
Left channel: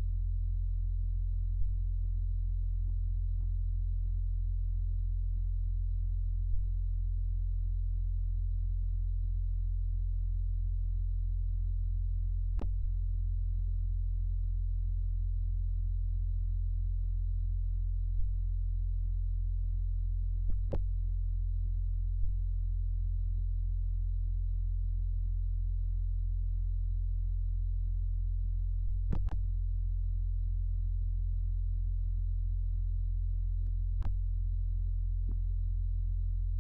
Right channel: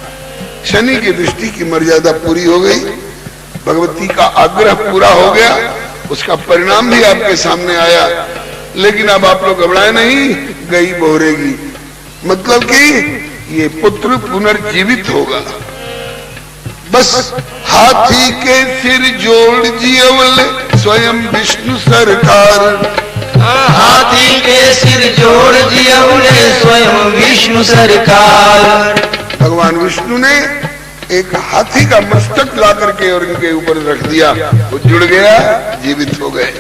शनि की दृष्टि की मर्यादा पूरी हो गई, भगवती का आग्रह पूरा हो गया, उसका परिणाम भी आपके सामने आया। लेकिन अब आप लोग घबराए नहीं, गई बहोरेगी, मतलब कि ये पुत्र पुनर्जीवित होगा। बस हाथी के सिर जोड़ जियवल स्वयं विष्णु सरकार, हाथी के सिर जोड़ दिया उन्हें स्वयं विष्णु सरकार। भगवान विष्णु ने एक हाथी का मस्तक ला करके और इनके ऊपर रख दिया, वो जुड़ गया, जीवित हो गए।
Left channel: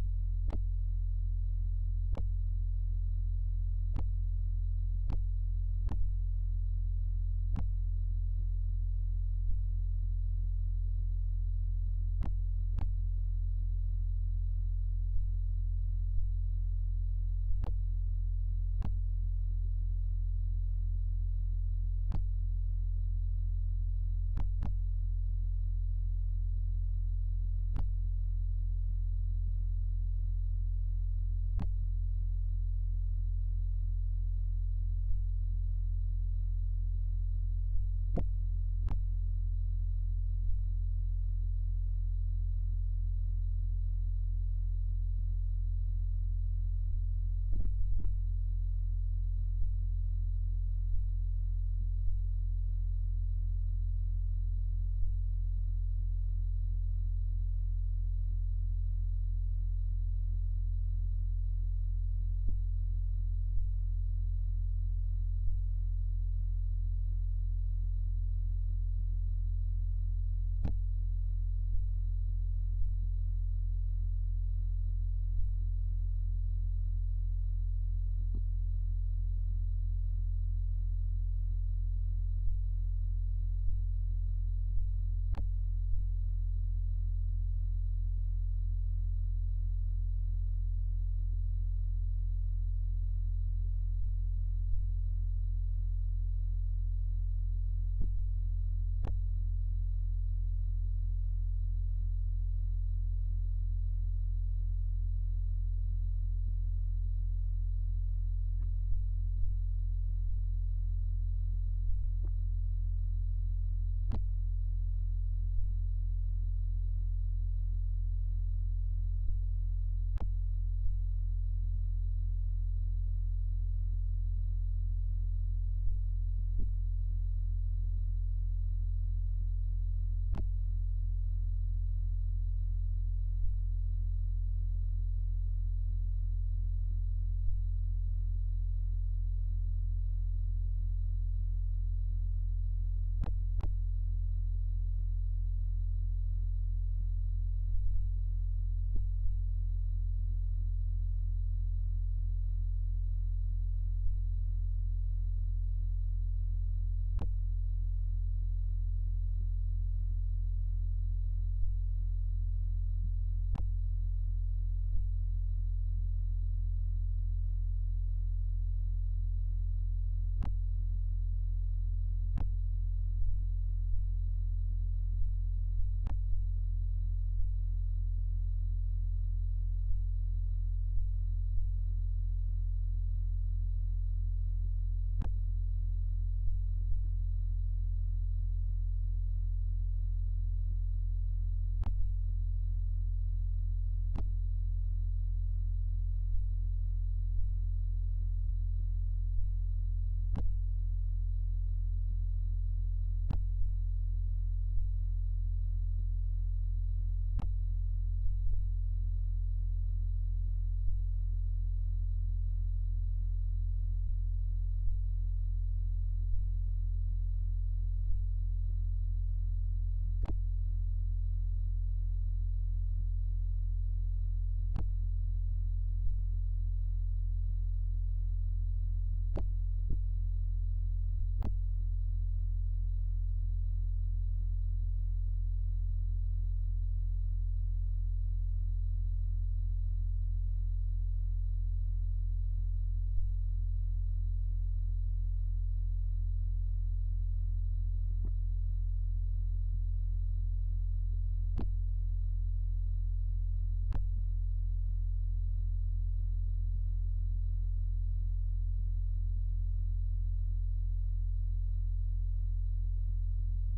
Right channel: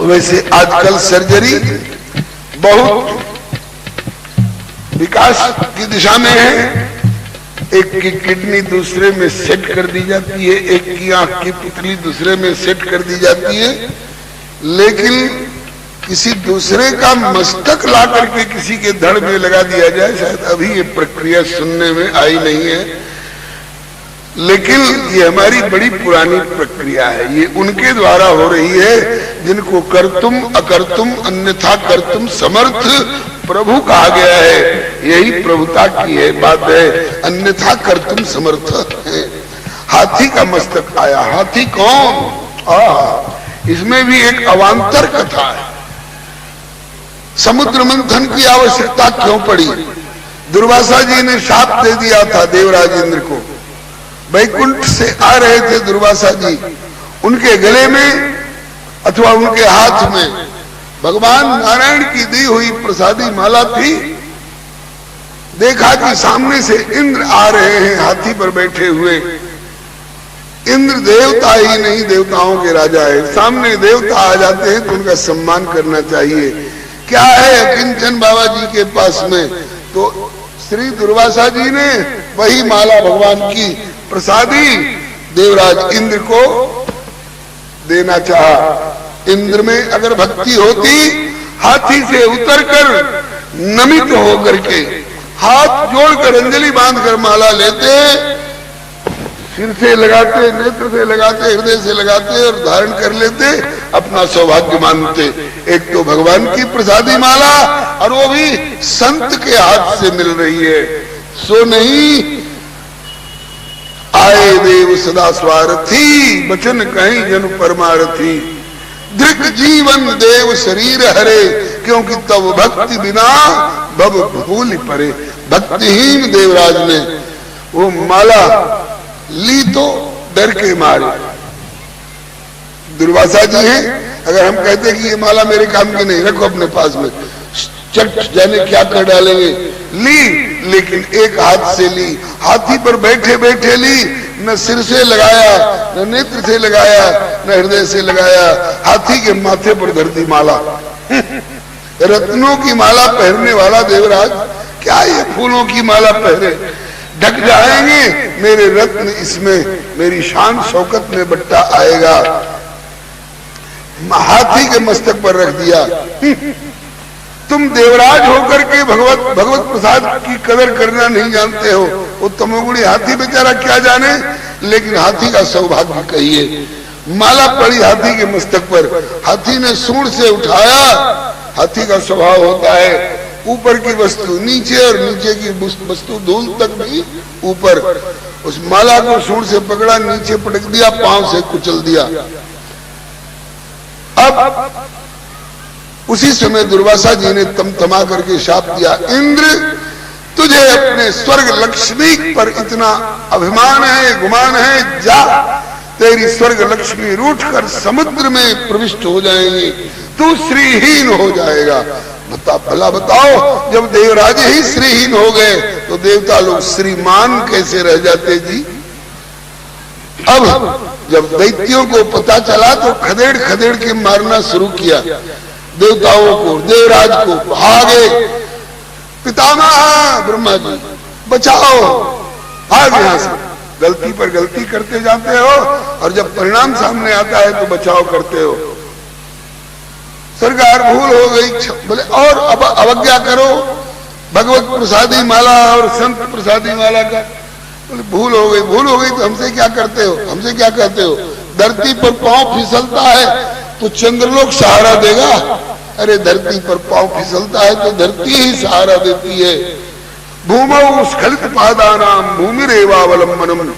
वैसे आजकल सर्जरी बहुत विकास की दिशा में है। एक की किडनी दूसरे में सेट कर दी जाती है, एक की आंख की पुतली दूसरे में सेट कर दी जाती है, लेकिन किसी दूसरे का मस्तक ला करके किसी के धड़ में लगा दिया जाए, शायद अभी ये प्रक्रिया सुनने में आई नहीं है। लेकिन ये हमारी बड़ी पुरानी प्रक्रिया है, ये उनके द्वारा हो रही है जिनको कर्तुम अकर्तुम अन्यथा कर्तुम समर्थ प्रभु कहा गया है। यही प्रभुता की है बात है, अन्यथा कर्तुम समर्थ है। हाथी का मस्तक आया, हाथी कौन? इसमें भी एक अवांतर कथा है। समुद्र मंथन की आवश्यकता क्यों पड़ी? दुर्वासा जी ने शाप दे दिया था देवराज इंद्र को। वैकुंठ से आ रहे थे दुर्वासा जी, उनके गले में अथवा उनके हाथ में भगवान नारायण की दी हुई प्रसादी माला थी। देखा कि सामने से इंद्र आ रहे हैं हाथी पर बैठे हुए। इंद्र देवता ही नहीं, देवताओं के राजा है। सामने देवता आ जाते हैं तो उनका सम्मान करना चाहिए। क्या है किंचन बाबा जी के पास में, तो श्री दुर्वासा जी ने वही माला भगवान की प्रसादी देवराज इंद्र को देना चाहा। इंद्र में अगर भक्ति होती, हाथी से उतरकर नमित होकर के हाथ जोड़कर अंजलि बांधकर माला लेते, सिर से लगाते, नेत्र से लगाते, हृदय से लगाते और धारण कर लेते, अपना सौभाग्य मानते। एक तो भगवान की प्रसादी माला और वो भी संत के हाथ से मिल रही है। सो नहीं आए देव सदा स्वार्थी, वचन कहीं जन परमारथी। दृक जीवन देव शरीर हरे, क्योंकि तब भक्ति बिना भव भूल परे। भक्तिहीन देवराज ने वो माला ली तो डर के मारे। दुर्वासा जी हैं, अगर हम कहते कि ये माला मेरे काम की नहीं, रखो अपने पास में, चट जाने क्या कर डालेंगे। ली, लेकिन एक हाथ से ली, हाथी पर बैठे बैठे ली, न सिर से लगाया, न नेत्र से लगाया, न हृदय से लगाया, हाथी के माथे पर धर दी माला। रत्नों की माला पहनने वाला देवराज क्या ये फूलों की माला पहने? ढक जाएंगे मेरे रत्न, इसमें मेरी शान शौकत में बट्टा आएगा। हाथी के मस्तक पर रख दिया। तुम देवराज होकर के भगवत प्रसाद की कदर करना नहीं जानते हो। वो तमोगुणी हाथी बेचारा क्या जाने, लेकिन हाथी का सौभाग्य कहिए। माला पड़ी हाथी के मस्तक पर, हाथी ने सूंड से उठाया। हाथी का स्वभाव होता है ऊपर की वस्तु नीचे और नीचे की वस्तु धूल तक भी ऊपर। उस माला को सूंड से पकड़ा, नीचे पटक दिया, पांव से कुचल दिया। अब उसी समय दुर्वासा जी ने तमतमा करके शाप दिया, इंद्र तुझे अपने स्वर्ग लक्ष्मी पर इतना अभिमान है, गुमान है, जा तेरी स्वर्ग लक्ष्मी रूठ कर समुद्र में प्रविष्ट हो जाएंगी, तू श्रीहीन हो जाएगा। भला बताओ, जब देवराज ही श्रीहीन हो गए तो देवता लोग श्रीमान कैसे रह जाते जी। अब जब दैत्यों को पता चला तो खदेड़ खदेड़ के मारना शुरू किया देवताओं को, देवराज को। भागे, पितामह ब्रह्मा जी बचाओ, भाग यहां से। गलती पर गलती करते जाते हो और जब परिणाम सामने आता है तो बचाव करते हो। सरकार भूल हो गई, बोले और अब अवज्ञा करो भगवत प्रसादी माला और संत प्रसादी माला का। बोले भूल हो गई तो हमसे क्या करते हो, हमसे क्या कहते हो। धरती पर पांव फिसलता है तो चंद्रलोक सहारा देगा। अरे धरती पर पांव फिसलता है तो धरती ही सहारा देती है। भूमौ स्खलित पादानाम भूमिरेवावलंबनम।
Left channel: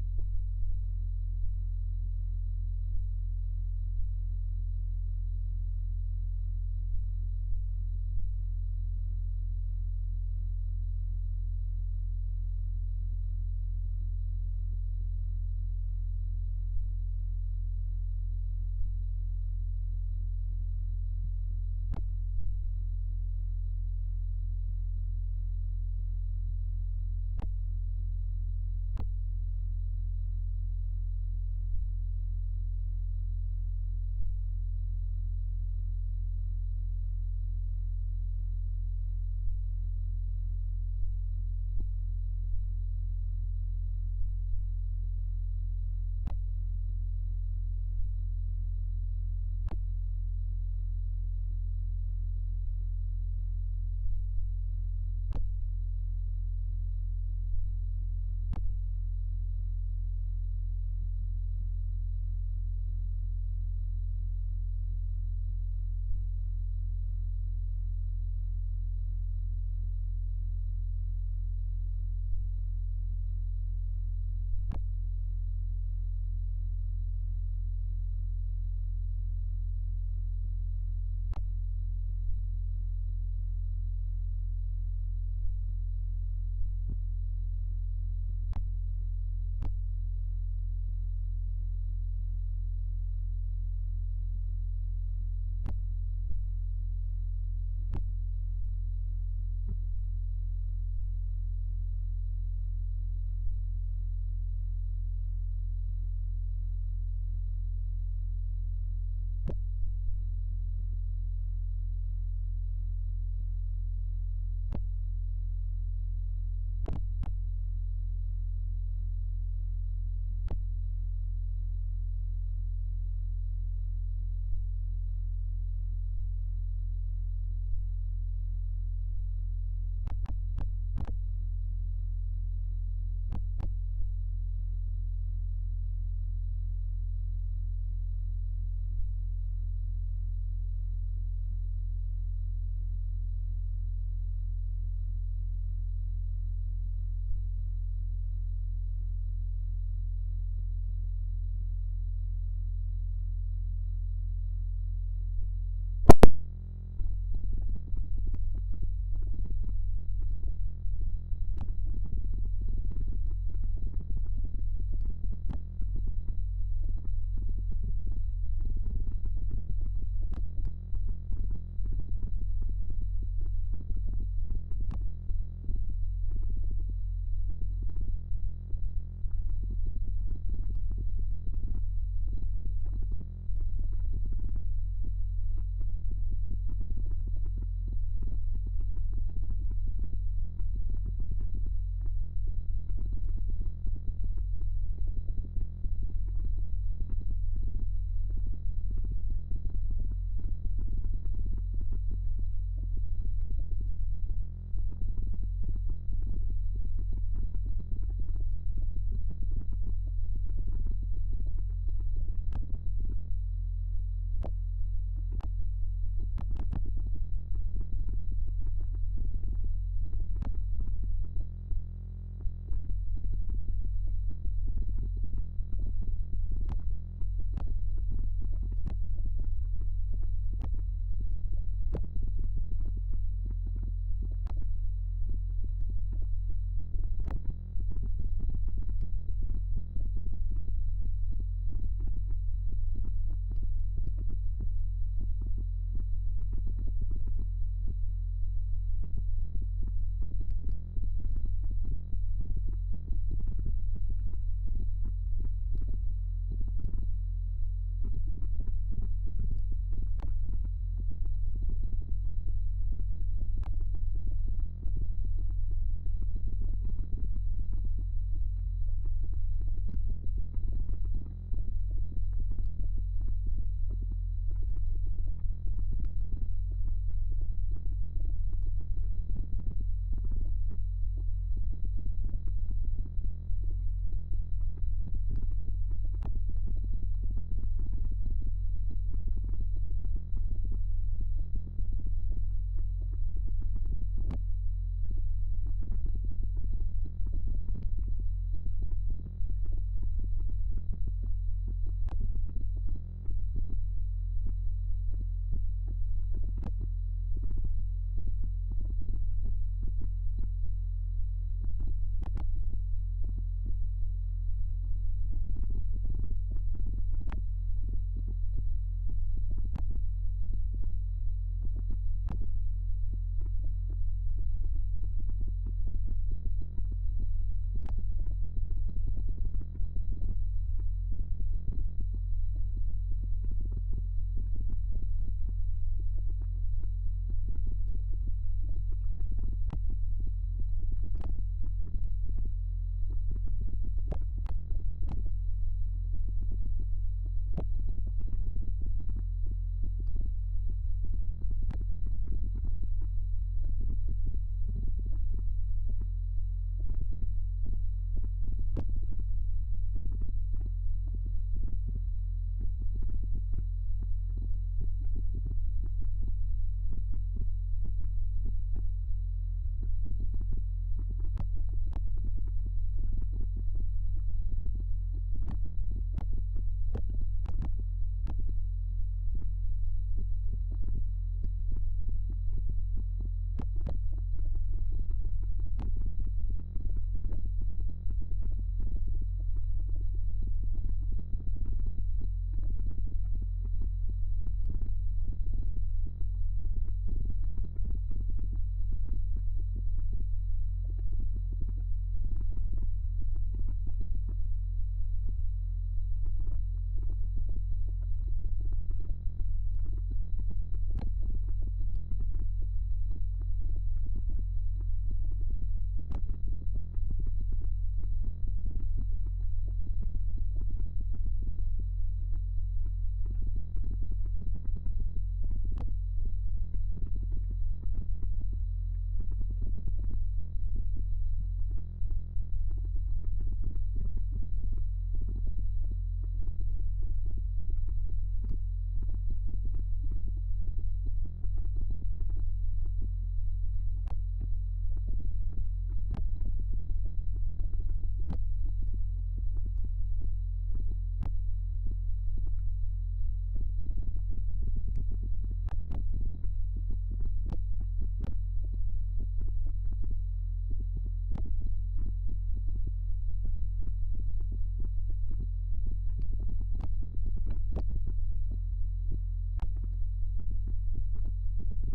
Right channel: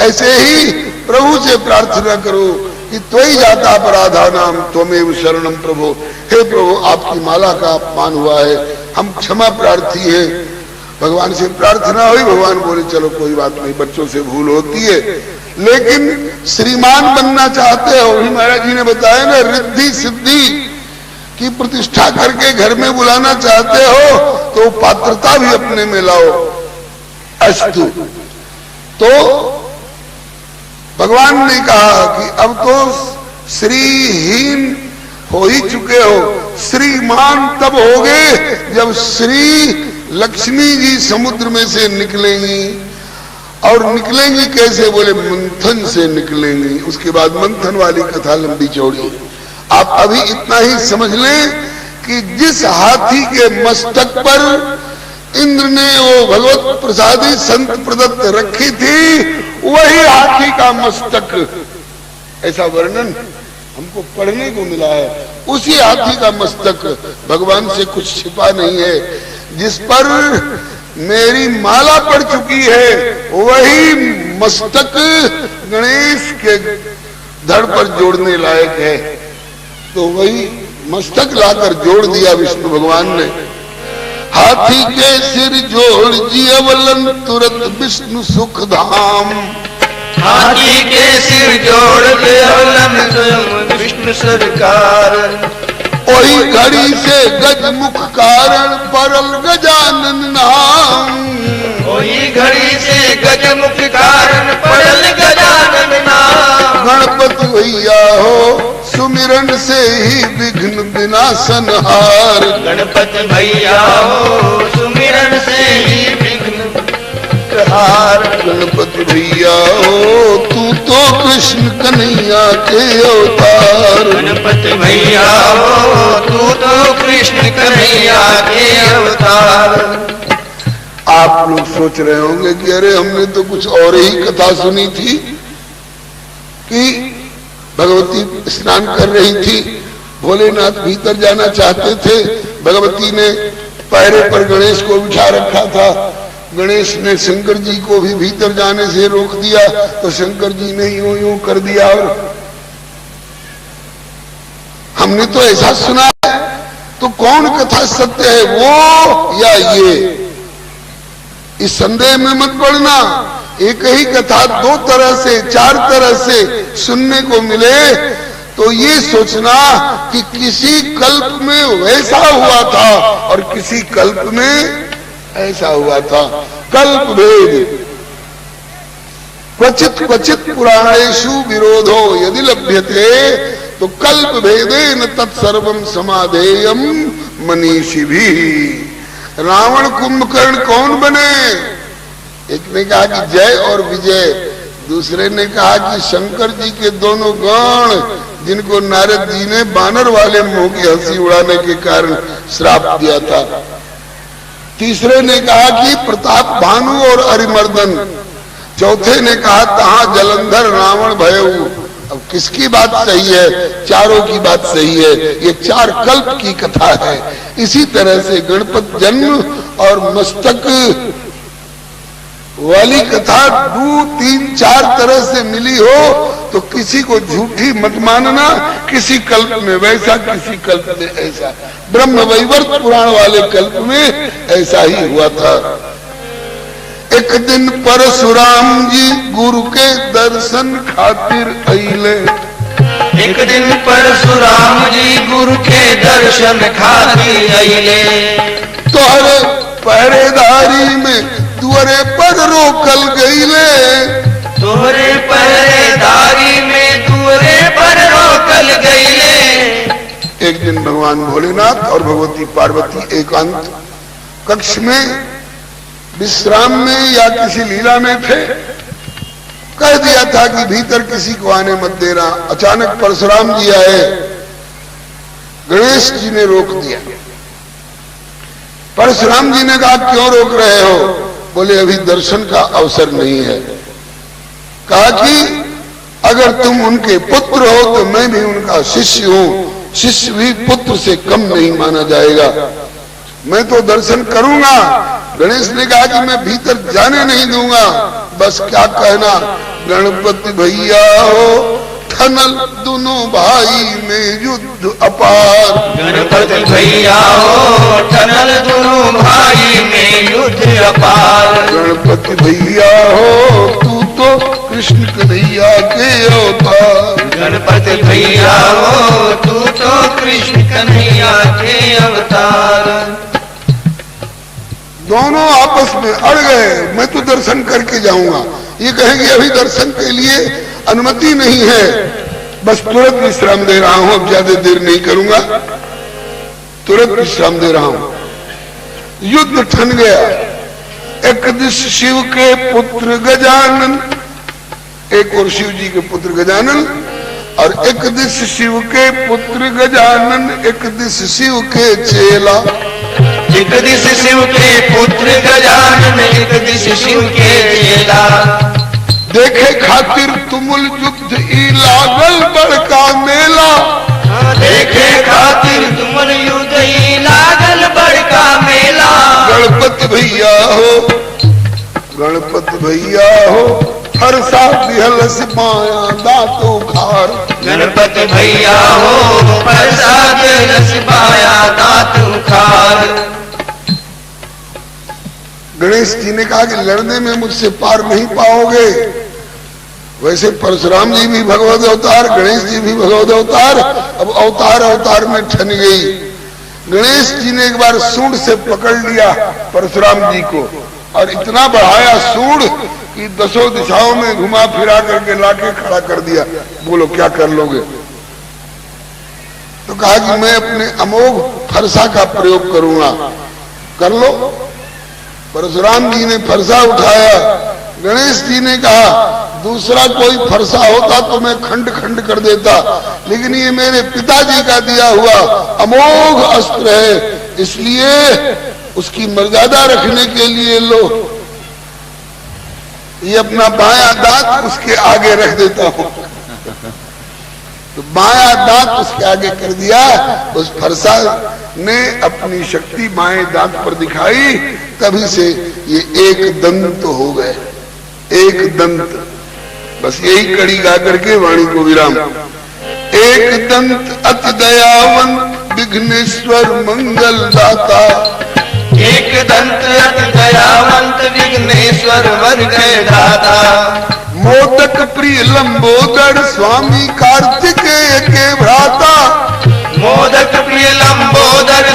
ऐसे ही प्रभु से प्रार्थना करो कि त्वयि जाता अपराधानाम त्वमेव शरणम प्रभु। हे प्रभु, आपकी माला का अपमान हुआ है, हम क्षमा प्रार्थी हैं। भगवान से प्रार्थना हुई, भगवान बोले चलो कोई बात नहीं, बच्चों से भूल होती है, लेकिन श्रीमान बनना चाहते हो, ही महाराज जी ने बताया ना, रिद्धि सिद्धि की प्रतिष्ठा करके घर में बुलाना चाहते हो तो पात्रता भी अपने में लाओ। अस्तु। तो भगवान ने कहा कि अब तो श्रीहीन हो ही चुके हो, श्रीमान तब होगे जब श्री लक्ष्मी जी समुद्र में से निकलेंगी। और निकलेंगी कैसे, बोले मंथन से निकलेंगी। उसके बाद मंथन वाली कथा लंबी चौड़ी। आप अभी इतना ही समझ लें कि जिस हाथी के मस्तक पर इंद्र ने वो भगवत प्रसादी संत प्रदत्त रखी थी, वही हाथी का मस्तक, ऐसा वर्णन हमको पढ़ने को मिला है। उसी हाथी का मस्तक, भगवान से कुछ छिपा नहीं है, जिस पर मेरी माला पड़ चुकी है, वही मस्तक गणेश के धड़ पर जोड़ने लायक है। तो वही मस्तक लाकर जोड़ दिया विष्णु भगवान ने। हाथी के सिर जोड़ जियवलन तुरंत विष्णु सुख धाम। हाथी के सिर जोड़ जियवलन विष्णु सरकार। वही घड़ी से गज मुख कारण परल गजानन नाम। वही घड़ी से गज मुख कारण परल गजानन नाम। गणपति भैया हो सुमिरन से ही विघ्न विनाशन हार। गणपति भैया हो सुमिरन से ही सिरहार। गणपति भैया हो तू तो कृष्ण कन्हैया के अवतार। गणपति भैया हो तू तो कृष्ण कन्हैया के अवतार। आप लोग सोच रहे होंगे कि अरे हमने तो कुछ और ही कथा सुनी थी कि भगवती स्नान कर रही थी, भोलेनाथ भीतर जाना चाहते थे, भगवती ने पैरे पर गणेश को बिठा रखा था, गणेश ने शंकर जी को भी भीतर जाने से रोक दिया, तो शंकर जी ने यूं यूं कर दिया। और हमने तो ऐसा सुना है, तो कौन कथा सत्य है, वो या ये? इस संदेह में मत पड़ना। एक ही कथा दो तरह से, चार तरह से सुनने को मिले तो ये सोचना कि किसी कल्प में वैसा हुआ था और किसी कल्प में ऐसा हुआ था। कल्प भेद क्वचित क्वचित पुराणेषु विरोधो यदि लभ्यते तो कल्प भेदेन तत्सर्वम समाधेयम मनीषी भी। रावण कुंभकर्ण कौन बने? एक ने कहा कि जय और विजय, दूसरे ने कहा कि शंकर जी के दोनों गण जिनको नारद जी ने बानर वाले मुंह की हंसी उड़ाने के कारण श्राप दिया था। तीसरे ने कहा कि प्रताप भानु और अरिमर्दन। चौथे ने कहा तहां जलंधर रावण भयऊ। अब किसकी बात सही है? चारों की बात सही है। ये चार कल्प की कथा है। इसी तरह से गणपत जन्म और मस्तक वाली कथा दो तीन चार तरह से मिली हो तो किसी को झूठी मत मानना। किसी कल्प में वैसा, किसी कल्प में ऐसा। ब्रह्म वैवर्त पुराण वाले कल्प में ऐसा ही हुआ था। एक दिन परशुराम जी गुरु के दर्शन खातिर अइले। एक दिन परशुराम जी गुरु के दर्शन खातिर अइले। तोहरे पहरेदारी में दुअरे पर रोकल गईले। तोहरे पहरेदारी में दुअरे पर रोकल गईले। एक दिन भगवान भोलेनाथ और भगवती पार्वती एकांत कक्ष में विश्राम में या किसी लीला में थे। कह दिया था कि भीतर किसी को आने मत देना। अचानक परशुराम जी आए, गणेश जी ने रोक दिया। परशुराम जी ने कहा क्यों रोक रहे हो? बोले अभी दर्शन का अवसर नहीं है। कहा कि अगर तुम उनके पुत्र हो तो मैं भी उनका शिष्य हूं। शिष्य भी पुत्र से कम नहीं माना जाएगा। मैं तो दर्शन करूंगा। गणेश ने कहा कि मैं भीतर जाने नहीं दूंगा। बस क्या कहना, गणपति भैया हो ठनल दोनों भाई में युद्ध अपार। गणपति भैया हो ठनल दोनों भाई में युद्ध अपार। गणपति भैया हो तू तो कृष्ण कन्हैया के अवतार। गणपति भैया हो तू तो कृष्ण कन्हैया के अवतार। दोनों आपस में अड़ गए। मैं तो दर्शन करके जाऊंगा, ये कहेंगे अभी दर्शन के लिए अनुमति नहीं है। बस तुरंत विश्राम दे रहा हूं, अब ज्यादा देर नहीं करूंगा, तुरंत विश्राम दे रहा हूं। युद्ध ठन गया। एक दिश शिव के पुत्र गजानन, एक और शिव जी के पुत्र गजानन, और एक दिश शिव के पुत्र गजानन, एक दिश शिव के चेला। एक दिश शिव के पुत्र गजानन, एक दिश शिव के चेला। देखे खातिर तुमुल युद्ध ई लागल बड़का मेला। देखे खातिर तुमुल युद्ध ई लागल बड़का मेला। गणपति भैया हो, गणपति भैया हो हर्षा दिहल सिपाया दांतों खार। गणपति भैया हो हर्षा दिहल सिपाया दांतों खार। गणेश जी ने कहा कि लड़ने में मुझसे पार नहीं पाओगे। वैसे परशुराम जी भी भगवत अवतार, गणेश जी भी भगवत अवतार। अब अवतार अवतार में ठन गई। गणेश जी ने एक बार सूंड से पकड़ लिया परशुराम जी को और इतना बढ़ाया सूंड कि दसों दिशाओं में घुमा फिरा करके लाके खड़ा कर दिया। बोलो क्या कर लोगे? तो कहा कि मैं अपने अमोघ फरसा का प्रयोग करूंगा। कर लो। परशुराम जी ने फरसा उठाया। गणेश जी ने कहा दूसरा कोई फरसा होता तो मैं खंड खंड कर देता, लेकिन ये मेरे पिताजी का दिया हुआ अमोघ अस्त्र है, इसलिए उसकी मर्यादा रखने के लिए लो, ये अपना बायां दांत उसके आगे रख देता हूं। तो बायां दांत उसके आगे कर दिया। उस फरसा ने अपनी शक्ति बाएं दांत पर दिखाई, तभी से ये एक दंत हो गए, एक दंत। बस यही कड़ी गा करके वाणी को विराम। एक दंत अति दयावंत विघ्नेश्वर मंगल दाता, एक दंत अति दयावंत विघ्नेश्वर वर के दाता, मोदक प्रिय लंबोदर स्वामी कार्तिकेय के भ्राता, मोदक प्रिय लंबोदर